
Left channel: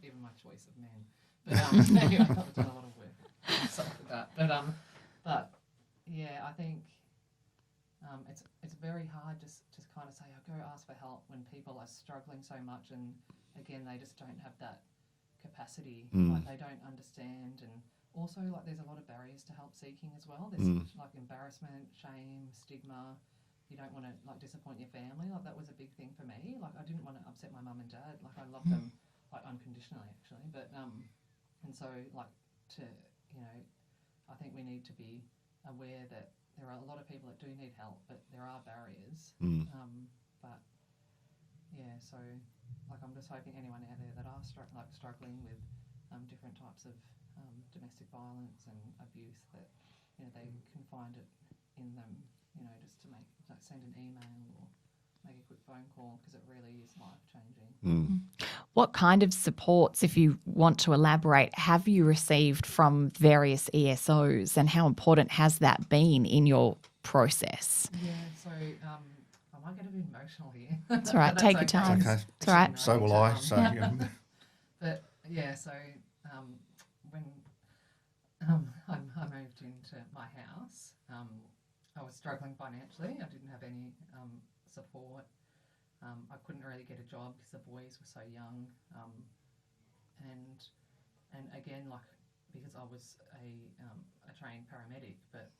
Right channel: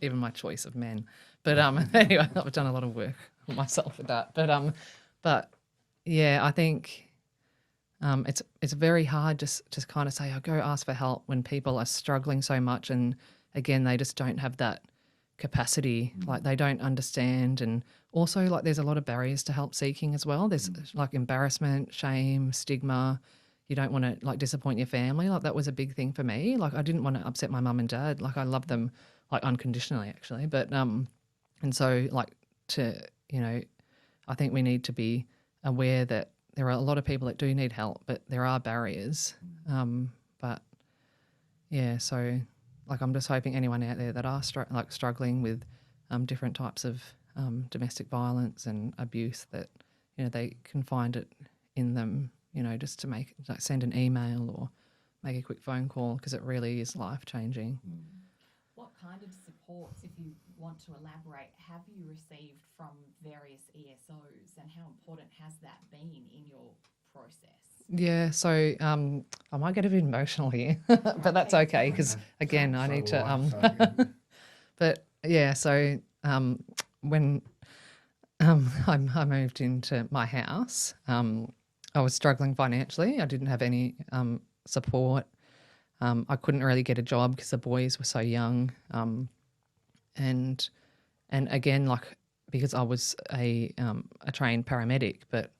even my choice of men. But anyway, I've done a lot of work on myself with that. But yeah, I think it's very hard just kind of say, go ask for help when people are struggling so much, and again, they just don't have that capacity. Like they don't understand, and also like there's a lot of barriers to help seeking as well. There's like embarrassment, shame, stigma. You don't want to like disappoint your family. Like that was a big thing for me. Like I didn't want to upset my mum and dad. Like I love them like unconditionally actually. But and so like I think we need to be aware that there are a lot of people that do need help, but there are barriers. But yeah, so like I'm just hoping anyone out there that are struggling with different types of domestic violence and abuse, that they can find it in them. Just to send an email or make a quick phone call, because it really is life-changing. What kind of supports, if you want to elaborate, have you received from various ESOs, and how important has that been in your process? Yeah, so I might get a bit emotional here. That's right. But that's Take your okay, time. because That's again, right. I So need will to. I. So, But yeah, so when I moved into my house, I was struggling financially. I didn't have any support. I couldn't really get a job because the boys were so young. And again, like because I was a trained paramedic, but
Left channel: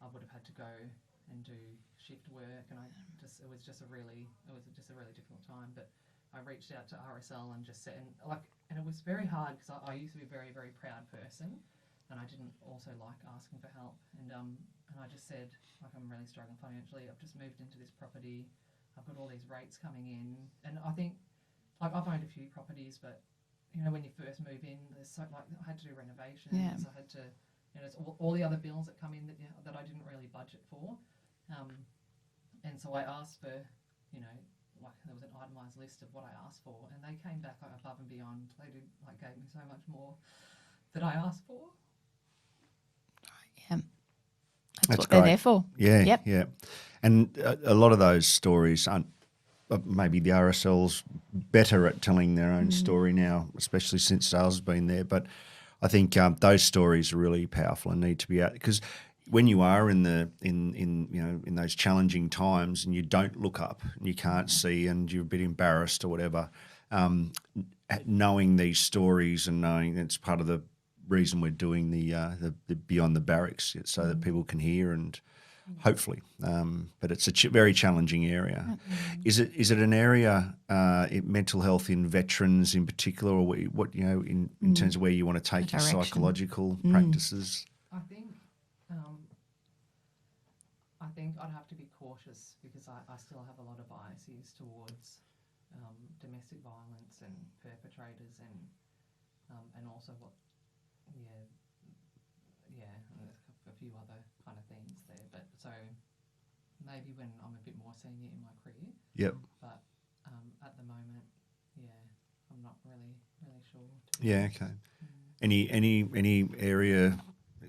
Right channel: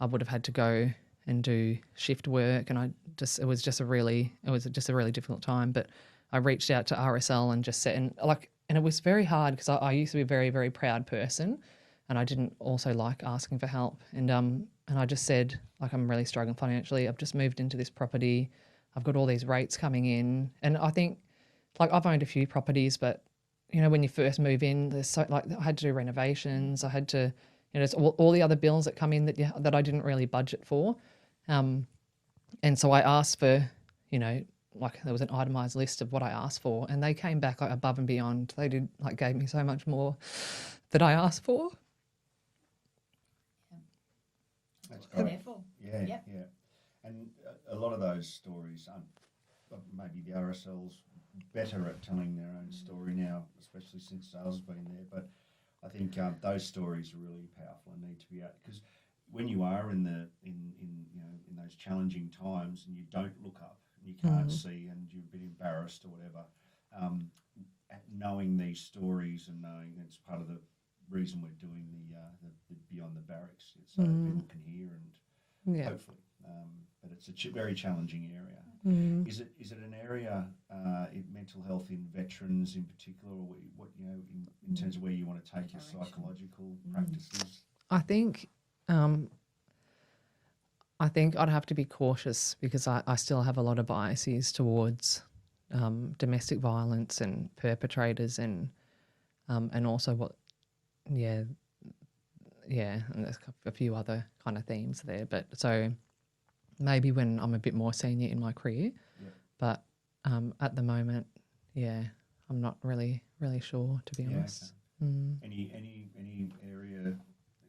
I would have had to go and do shift work, and it was just a really difficult time. But I reached out to RSL and just said, and it was very hard because I used to be a very, very proud person, and I didn't also like asking for help. And I just said, like, I'm really struggling financially. I've just moved into this property. I've got all these rates coming in. And I think, like, I've owned a few properties, but, when you first move in, there's I had to do renovations. Yeah. I had to, it's all the other bills that come in that I didn't really budget for. And so I asked for, like there was an itemised list of what I asked for, and they came back like above and beyond. They gave me so much more that I asked for. Yeah. That's That's what great. they're there for. Yeah, Yep. yeah. And a lot of those stories aren't, maybe the RSL's better at telling their own story now, especially since Sales has been there. But I think those stories are really powerful and need to be out, because when you are in those challenging times and you don't look up and you can't see and you're a bit embarrassed or whatever, knowing these stories and knowing that's part of the reason we're doing the Beyond the Barracks, so that people can hear and hopefully. But it's a very challenging area. Is it an area, mental health in veterans in particular, or what in terms of where you want to take your psychological practices? I think I'd have to be cautious, because I still have a lot of biases towards domestic violence and perpetrators, and also what. Yeah, and there's a few other kind of themes there. But so maybe when I'm a bit more senior in my career. Yep. But at the moment, I'm not really sure, to be honest. Yeah, okay. Any area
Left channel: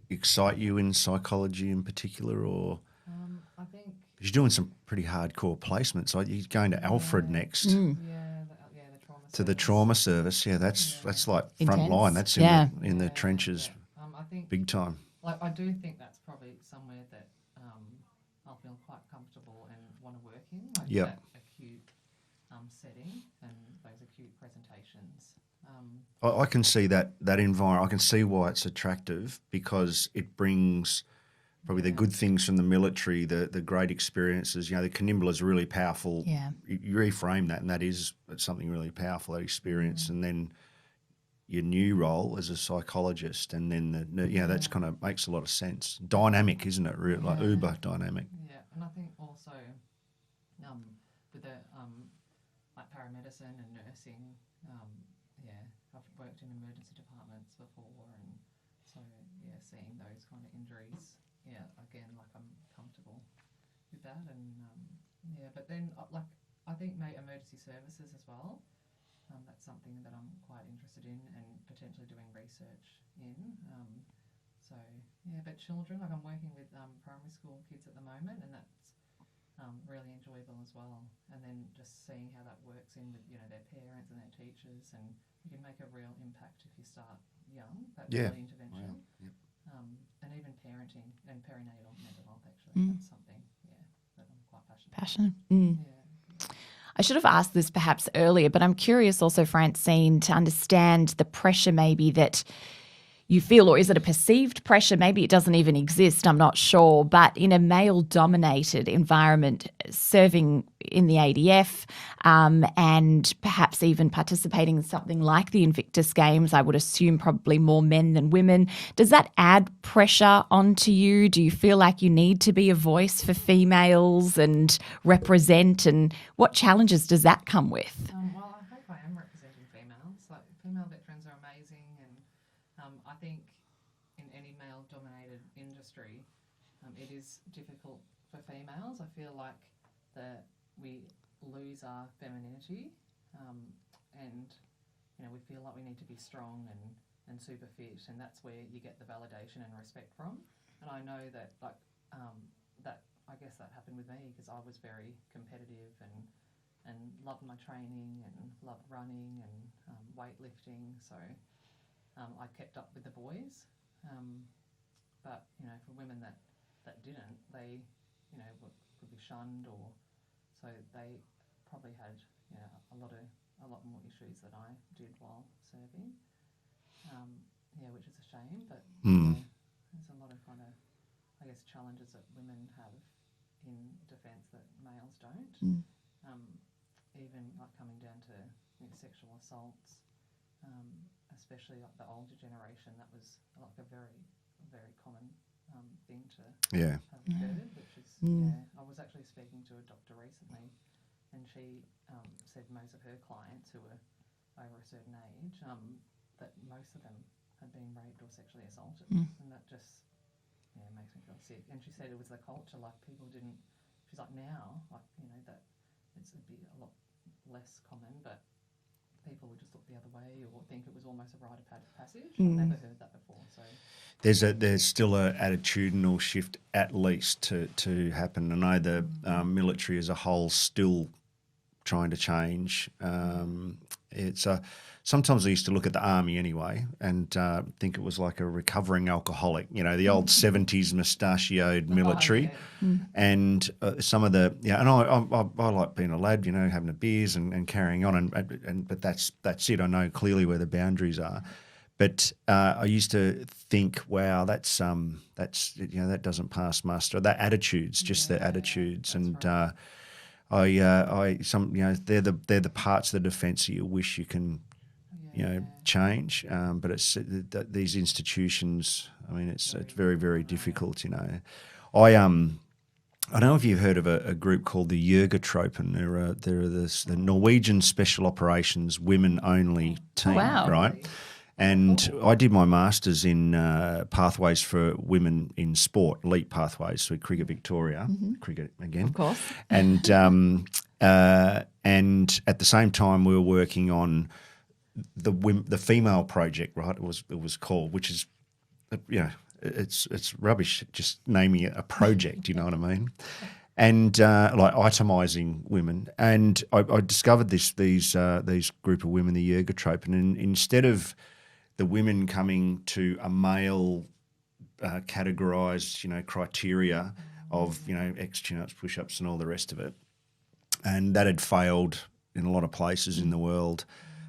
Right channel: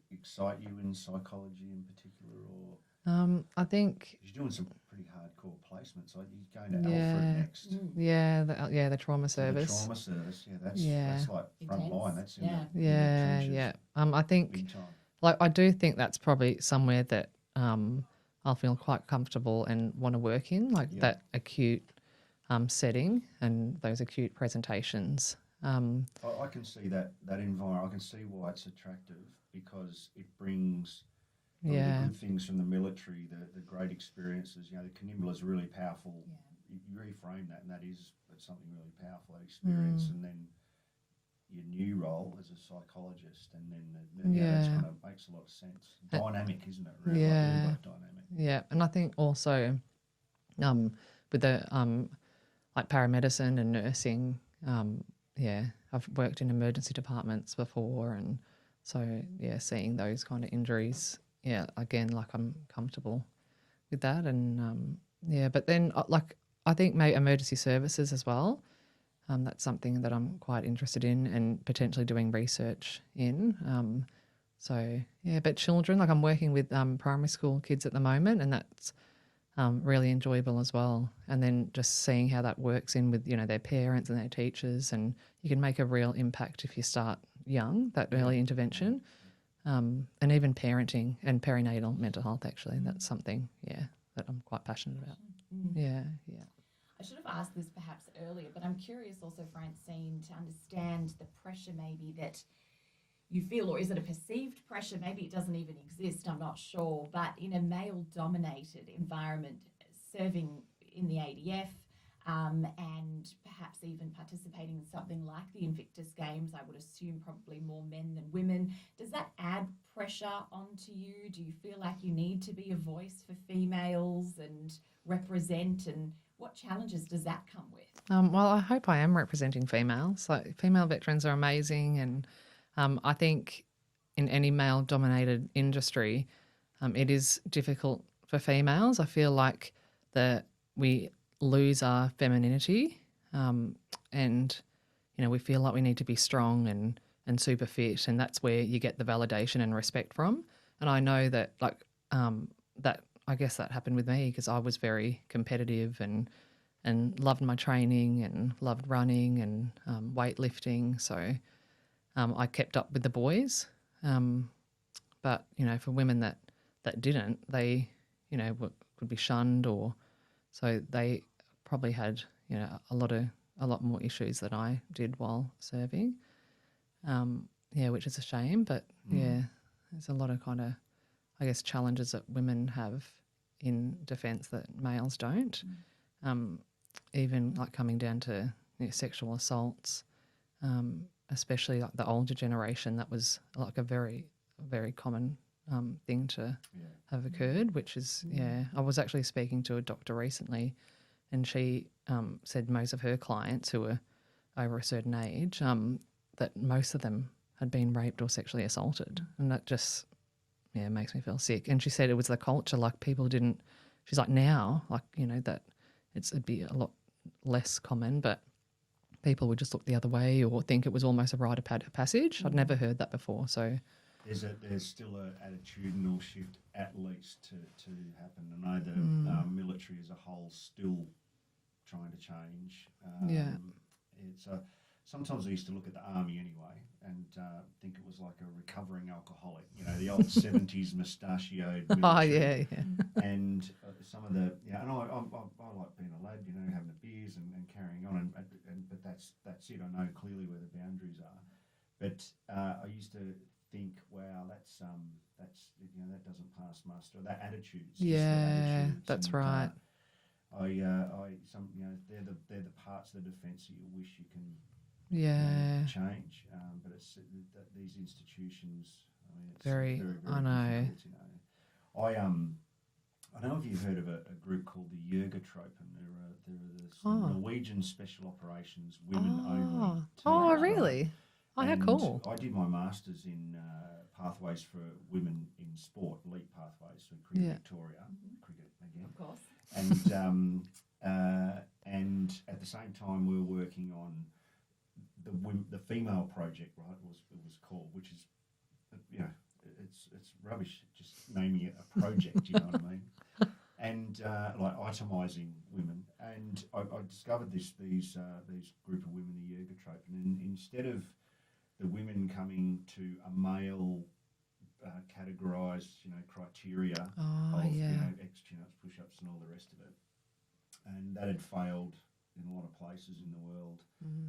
excite you in psychology in particular, or? I think you're doing some pretty hardcore placements. Like you're going to Alfred next. The trauma service. To the trauma service. Yeah, that's like front line. That's in the trenches. Yeah. I think big time. Like I do think that's probably somewhere that I'll feel quite comfortable and want to work in, like that acute setting and those acute presentations. I can see that environment. I can see why it's attractive, because it brings probably the good things from the military, the great experiences. The Canimbla is really powerful. Yeah. You reframe that, and it's something really powerful, that experience. And then your new role as a psychologist, and then that's kind of makes a lot of sense. Dynamic, isn't it? Really, like uber dynamic. Yeah, and I think also with the like paramedicine and nursing, I've worked in emergency departments before, and so seeing those kind of injuries. Yeah, again, like I'm comfortable with that, and but then I think maybe emergency services as well. That's something that I'm quite interested in and potentially doing research in. So yeah, but children, like I'm working with primary school kids at the moment, and that's really enjoyable as well. And then just seeing how that works in with, you know, their parents and their teachers, and you can make a real impact if you start young, that early intervention. And even parenting and perinatal mental health, actually, that's something, that I'm quite passionate about. Yeah. I should have asked this perhaps earlier, but I'm curious also, Francine, to understand the pressure maybe that you feel, or is it a perceived pressure? Maybe it doesn't even exist, I'm not sure, but in a male-dominated environment, serving in the ADF and perhaps even participating in something like the Invictus Games, I would assume probably more men than women. Does that add pressure onto you? Do you feel like you need to be a voice for females and represent, and what challenges does that come with? Well, I hope I am representing females. Like, female veterans are amazing, and I think in any male-dominated industry, it is difficult for females. I feel like that we lose our femininity, and we feel like we need to be strong and super fit, and that's where you get the validation and respect from. And I know that that I guess that happened with me because I was very competitive and loved my training and loved running and weightlifting. So I kept up with the boys, but for women that didn't, they would be shunned, or so they probably had a lot more issues than I did while serving. Which is a shame, but there's a lot of kind of, I guess, challenges that women have in defence that males don't. Even like coming down to sexual assaults. Especially like the older generation, that was like a very, very common thing to have occurred, which is, I was actually speaking to a doctor recently, and she said most of her clients who were over a certain age, that most of them had been raped or sexually assaulted. And that just, makes me feel sick. And she said it was the culture, like people didn't, she's like now, like, that it'd be a lot less common, but people would just look the other way or think it was almost a rite of passage. I'd never heard that before. So there's still a attitudinal shift at least to happen. I know the military as a whole still trying to change. It's sometimes I used to look at the army anyway and think it was like a recovering alcoholic, the old 70s mustachioed military. And some of the, and I like being a lad, having a beers and carrying on. But that's it. I know clearly where the boundaries are. But I used to think, wow, that doesn't pass muster. That attitudes, just the attitudes. That's and right. they're the parts of the defence that you wish you can change. But it's these institutions. I mean, it's very, very difficult. I don't know if you've heard of a group called the Jørgetropen. They're the Norwegian Special Operations women only team, wow, right? Really? And cool. I did my master's in pathways for women in sport, elite pathways, so Cricket Victoria, cricket again, Of course. and and at the same time we were working on the female project, right? It was called, which is, it's rubbish just naming it a project. You know what I mean? And like itemising women, and I discovered these group of women, the Jørgetropen, and instead of the women coming to a male categorised, criteria of X chin-ups, push-ups, and all the rest of it, and that had failed in a lot of places in the world.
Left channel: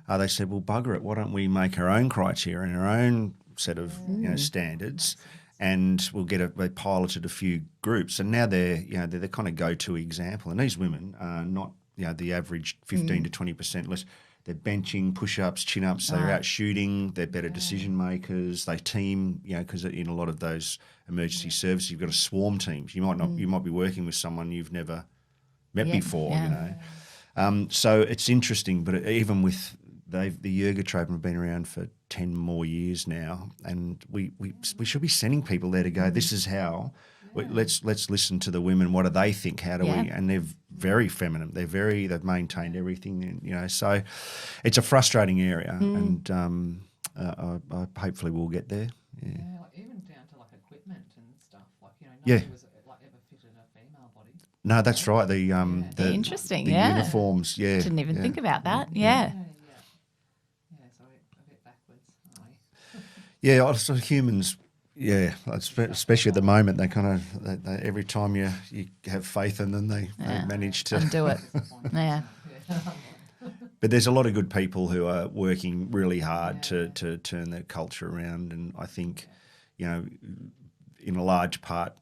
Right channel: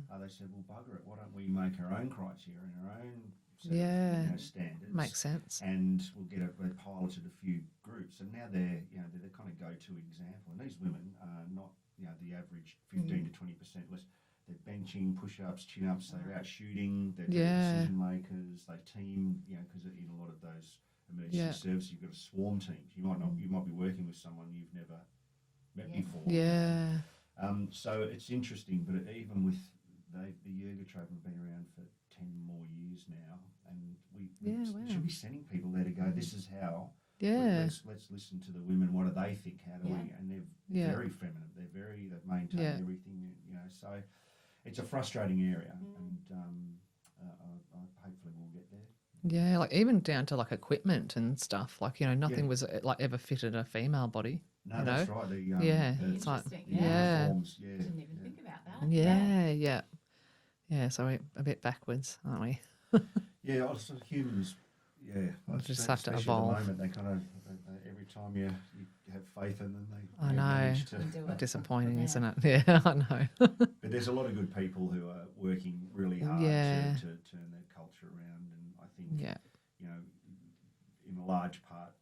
They said, "Well, bugger it, why don't we make our own criteria and our own set of standards?" Makes sense. And we'll they piloted a few groups, and now they're the kind of go-to example. And these women are not the average 15 to 20% less. They're benching, push-ups, chin-ups. They're out shooting. They're better decision makers. They team, because in a lot of those emergency services, you've got to swarm teams. You might be working with someone you've never met before. So it's interesting, but even with the Jørgetropen have been around for 10 more years now, and we should be sending people there to go, this is how. Let's listen to the women. What do they think? How do we? And they're very feminine. They've maintained everything. So it's a frustrating area, and I hopefully we'll get there. Yeah, like even down to like equipment and stuff. Like, nothing was like ever fitted a female body. No, that's right. The Interesting. the uniforms. Yeah, Didn't even think about that. Yeah. So we're a bit backwards, aren't we? Yeah, also humans. Yeah, just have to especially at the evolve. moment, they kind of every time you have faith in them, they manage to. Undo it. Disappointing, Yeah. isn't it? Yeah, I know. But there's a lot of good people who are working really hard Yeah. to turn the culture around, and I think Yeah. you know, in a large part,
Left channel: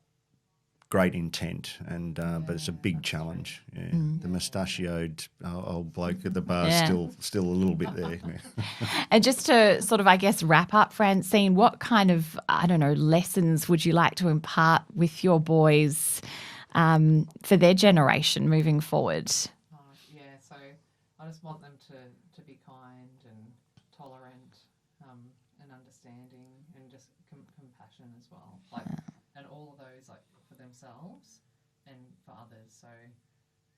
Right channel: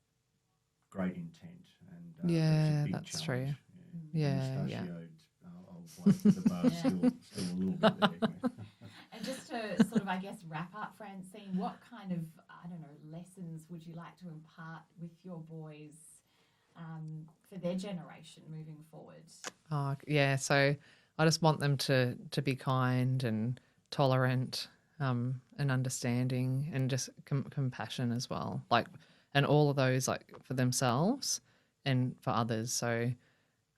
great intent, and but it's a Yeah, big that's true. challenge. Yeah. Yeah, The mustachioed old bloke at the bar still a little bit there. Yeah. And just to sort of, I guess, wrap up, Francine, what kind of, I don't know, lessons would you like to impart with your boys for their generation moving forward? Oh, yeah. So I just want them to be kind and tolerant, and understanding, and just compassion as well. Like, and all of those, like, for themselves and for others. So,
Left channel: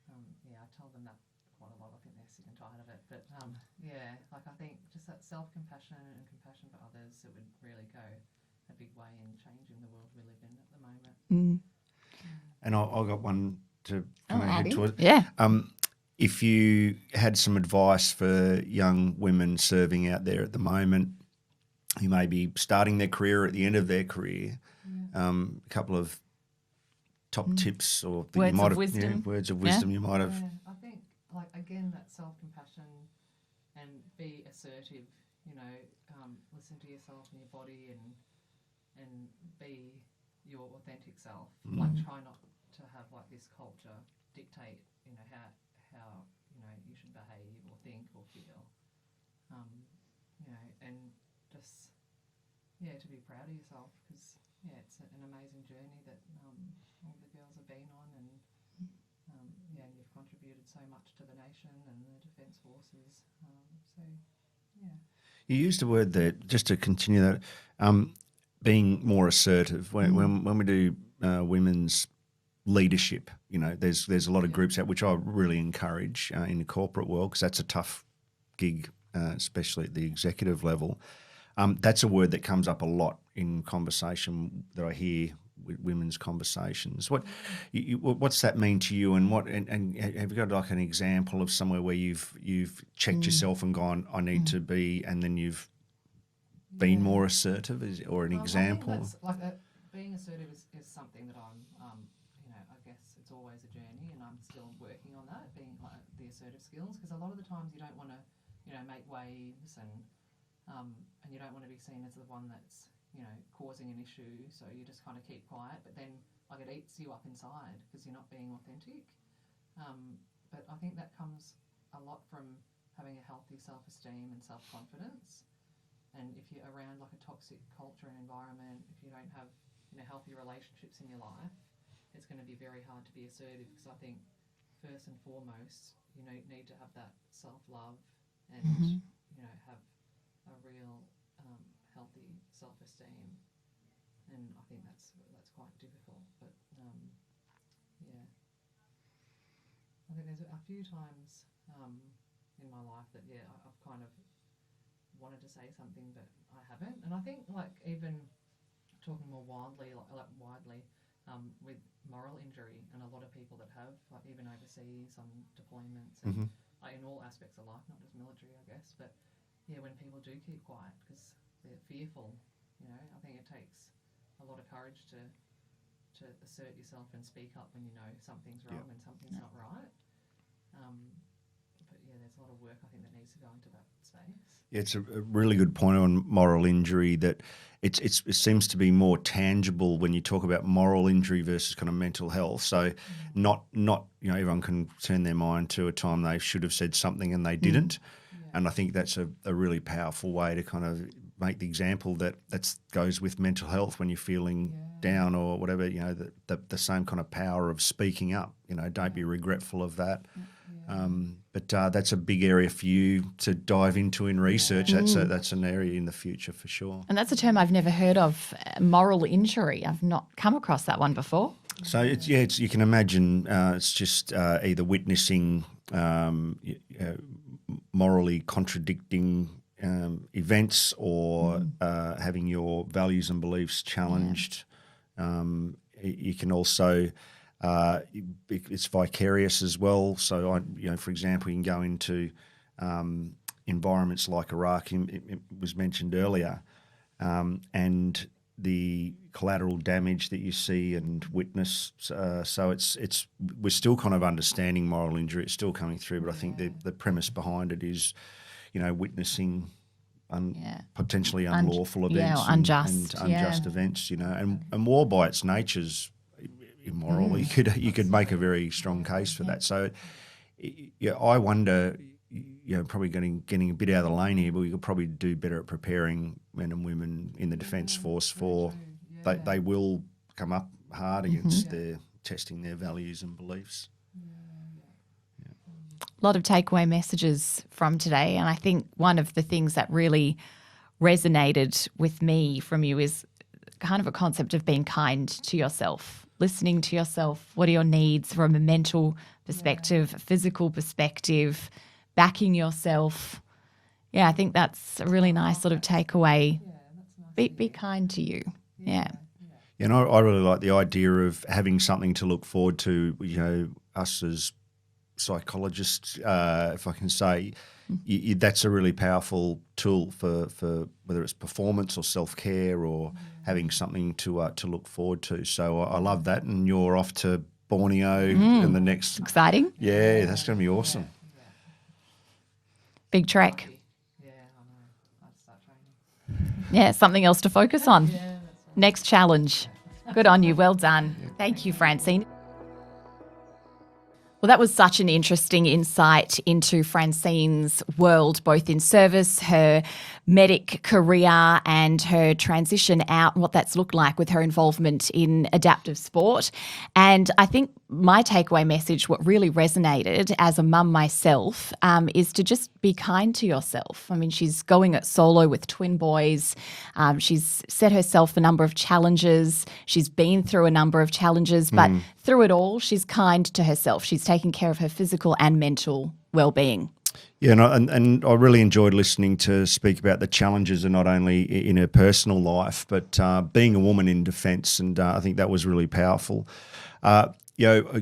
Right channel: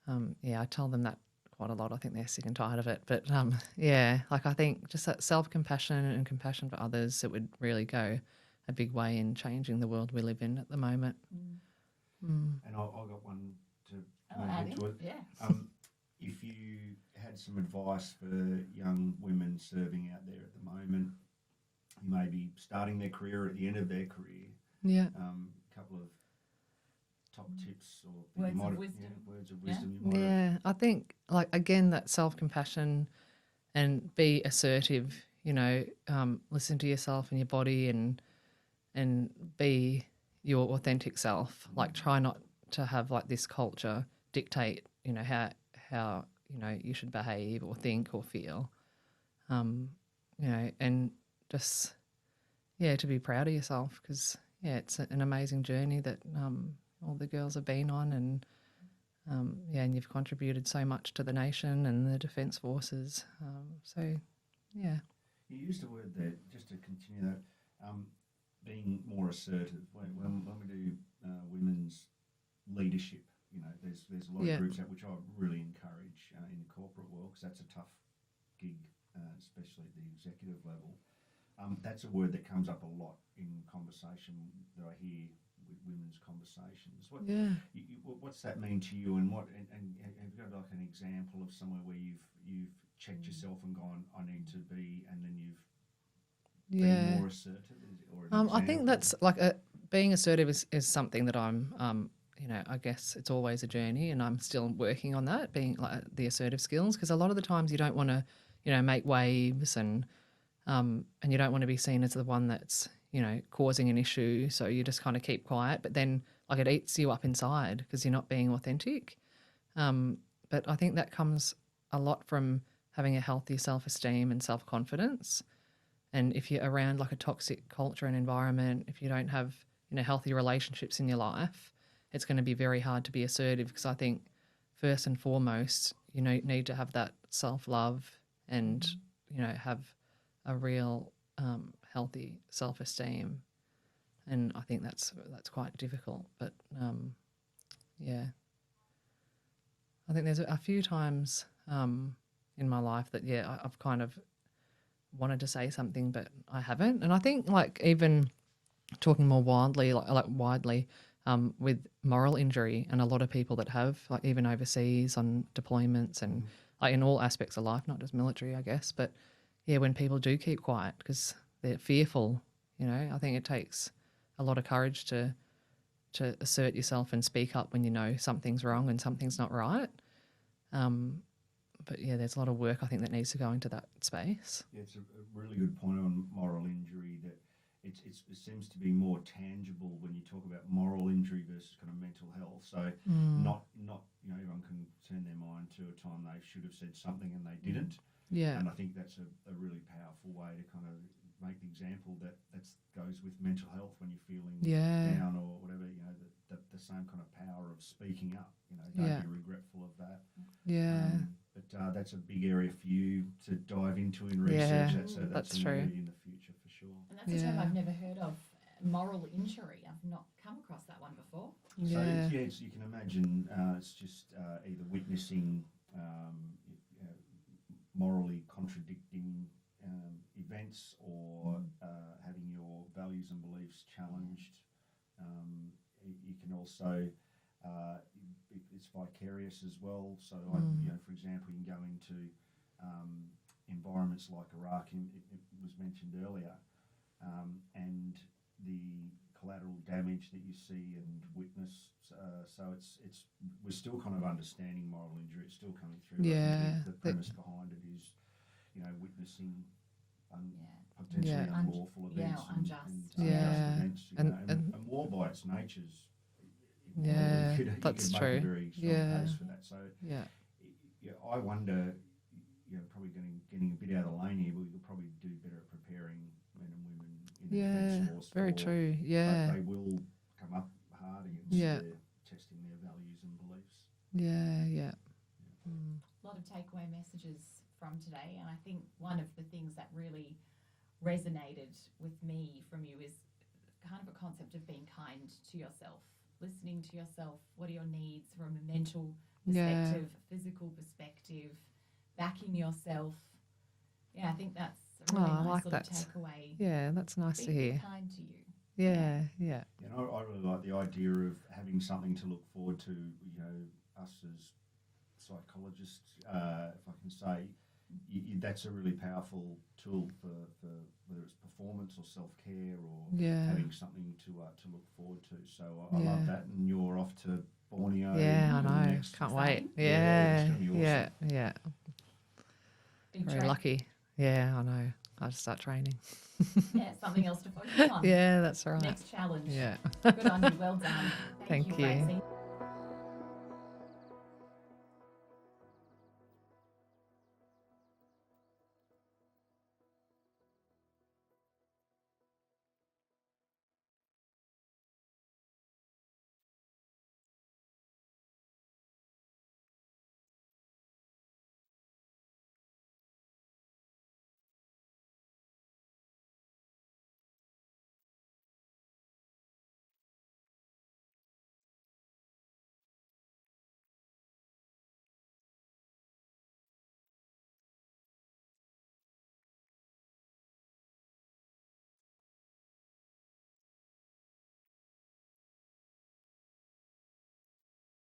I tell them that quite a lot. I think they're sick and tired of it. But like, I think just that self-compassion and compassion for others, it would really go a big way in changing the world we live in at the moment. And I got one to kind of head to it. Yeah. If you had some advice for young women serving out there at the moment, who may be starting their career or at the end of their career, Yeah. a couple of top tips or that Words you might of have, wisdom. words of wisdom you might have. Yeah, I think, like, again, that self-compassion and be assertive, listen to yourself and your body, and be your authentic self. Like, try not to have like this culture dictate, how you should behave or think or feel, and just, to be proud of yourself, because, it's an amazing journey that all the girls have been on, and and you've contributed so much to the nation and the Defence Forces. You used a word there, just to continue that, being more assertive. When we do women's leadership, there's a lot of groups out which I really encourage in the corporate world, because that's a tough gig, especially at the executive level. That's a word that comes up a lot in conversation that I hear with women's conversations. What's that mean to you, and have you got like an example of somewhere where you've checked yourself and gone, I need to be, and then you've been more assertive, or an example? I think that's like being assertive is something that I'm, I guess it's always a journey, and I'm still working on that, being like the assertive skills, because a lot of the times you don't want to, make waves, and you don't want to be seen as the one that's, causing an issue. So you just kind of keep quiet, but then like it eats you up inside because you're not being authentic. But I think that comes a lot from having a healthy self-esteem and self-confidence. And if you're around like a toxic culture and environment, if you don't have, healthy relationships in your life, it's going to be very hard to be assertive, because I think first and foremost, you need to have that self-love and, have a real healthy self-esteem. And I think that's quite difficult. But, I think there's a few times in my life that, I've kind of wanted to say something, but I haven't. And I think, like, even talking more widely, with moral injury, and a lot of people that have, like, even overseas on deployments and like in all aspects of life, not just military, I guess. But when people do keep quiet because they're fearful, I think it takes a lot of courage to assert yourself and speak up when something's wrong and something's not right. But there's a lot of work I think that needs to go into that space. Yeah, it's a really good point on moral injury, that it seems to be more tangible when you talk about moral injury versus kind of mental health. So not everyone can turn their mind to a time they should have said something and they didn't. Yeah. And I think that's a really powerful way to kind of make the example that goes with mental health when you're feeling down or whatever, the same kind of power of speaking up, don't be regretful of that. Yeah. But that's a big area for you to dive into in research. That's an true. area in the future for sure. And that's a term I've never heard of, moral injury. I've not come across that one before. So it's you can imagine it's just either witnessing morally contradicting events or having your values and beliefs challenged. You can also it's vicarious as well. So for example, you can go into environments like Iraq. It was mentioned earlier, and the collateral damage that you see and witness. So we're still kind of understanding moral injury. It's still coming through, but I think the premise behind it is, witnessing potentially unlawful events and unjust events. And war by its nature's immoral. You could make a very strong case for that. So, I wonder. Probably getting a bit out of the lane here, but we could probably do better at preparing men and women in the Defence Force they will come up hard against testing their values and beliefs. A lot of takeaway messages from today, and I think one of the things that really resonated with me from you is kind of a concept of being kind to yourself, listening to yourself. What are your needs from a mental perspective, a physical perspective, backing yourself. I think that's a really nice sort of takeaway. Yeah, that's nice to hear. Be kind to you. Yeah. And I really like the idea of having something to look forward to, us as psychologists, if I can say, that's a really powerful tool for whether it's performance or self-care or having something to look forward to. So I love that, and you're off to Borneo in the next... Exciting. That's going to be awesome. Yeah. Big trek. Lucky. Yeah, I know. I have to start training. Something else to focus on. Yeah, that's right. Next challenge. Good on you. Well done. Thank you, Francine. Well, that was such an interesting insight into Francine's world, both in service, her medic career and her transition out, and what that's looked like with her involvement in adaptive sport. And I think my takeaway message, what really resonated as a mum myself, is to just be kind to yourself. I mean, she's going it solo with twin boys. She's set herself a number of challenges. She's been through a number of challenges, but through it all, she's kind to herself. She's taking care of her physical and mental well-being. Yeah, and I really enjoyed listening to speak about the challenges, and not only in her personal life, but being a woman in defence, and I think that was really powerful. A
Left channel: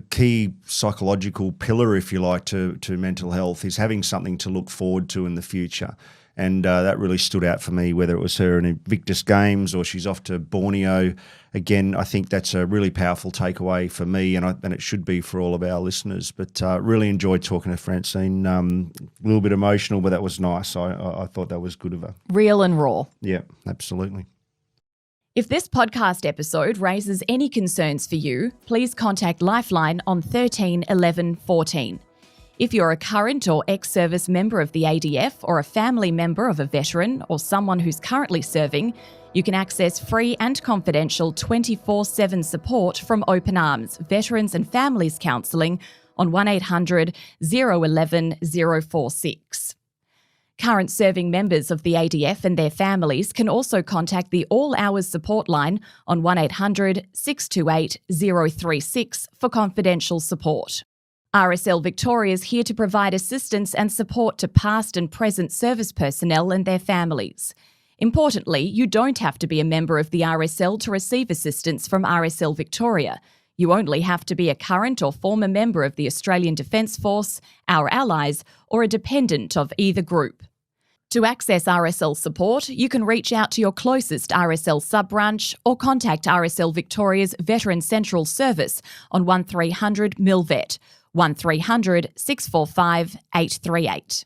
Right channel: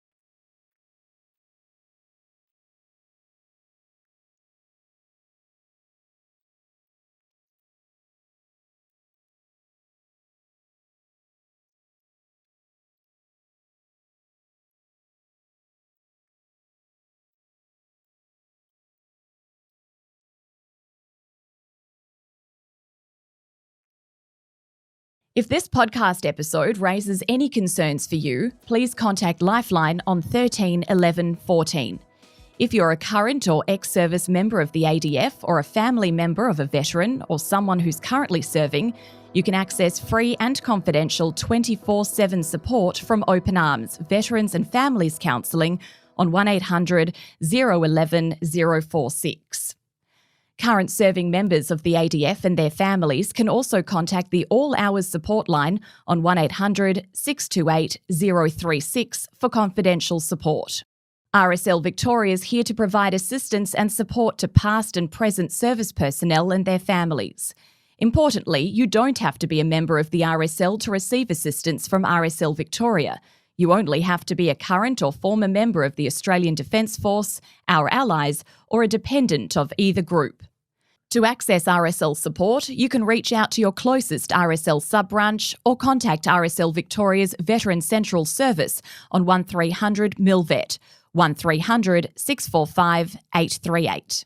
key psychological pillar, if you like, to mental health is having something to look forward to in the future. And that really stood out for me, whether it was her in Invictus Games or she's off to Borneo. Again, I think that's a really powerful takeaway for me, and it should be for all of our listeners. But really enjoyed talking to Francine. A little bit emotional, but that was nice. I thought that was good of her. Real and raw. Yeah, absolutely. If this podcast episode raises any concerns for you, please contact Lifeline on 13 11 14. If you're a current or ex-service member of the ADF or a family member of a veteran or someone who's currently serving, you can access free and confidential 24/7 support from Open Arms, Veterans and Families Counselling on 1800 011 046. Current serving members of the ADF and their families can also contact the All Hours support line on 1800 628 036 for confidential support. RSL Victoria is here to provide assistance and support to past and present service personnel and their families. Importantly, you don't have to be a member of the RSL to receive assistance from RSL Victoria. You only have to be a current or former member of the Australian Defence Force, our allies, or a dependent of either group. To access RSL support, you can reach out to your closest RSL sub-branch or contact RSL Victoria's Veteran Central Service on 1300 MILVET, 1300 645 838.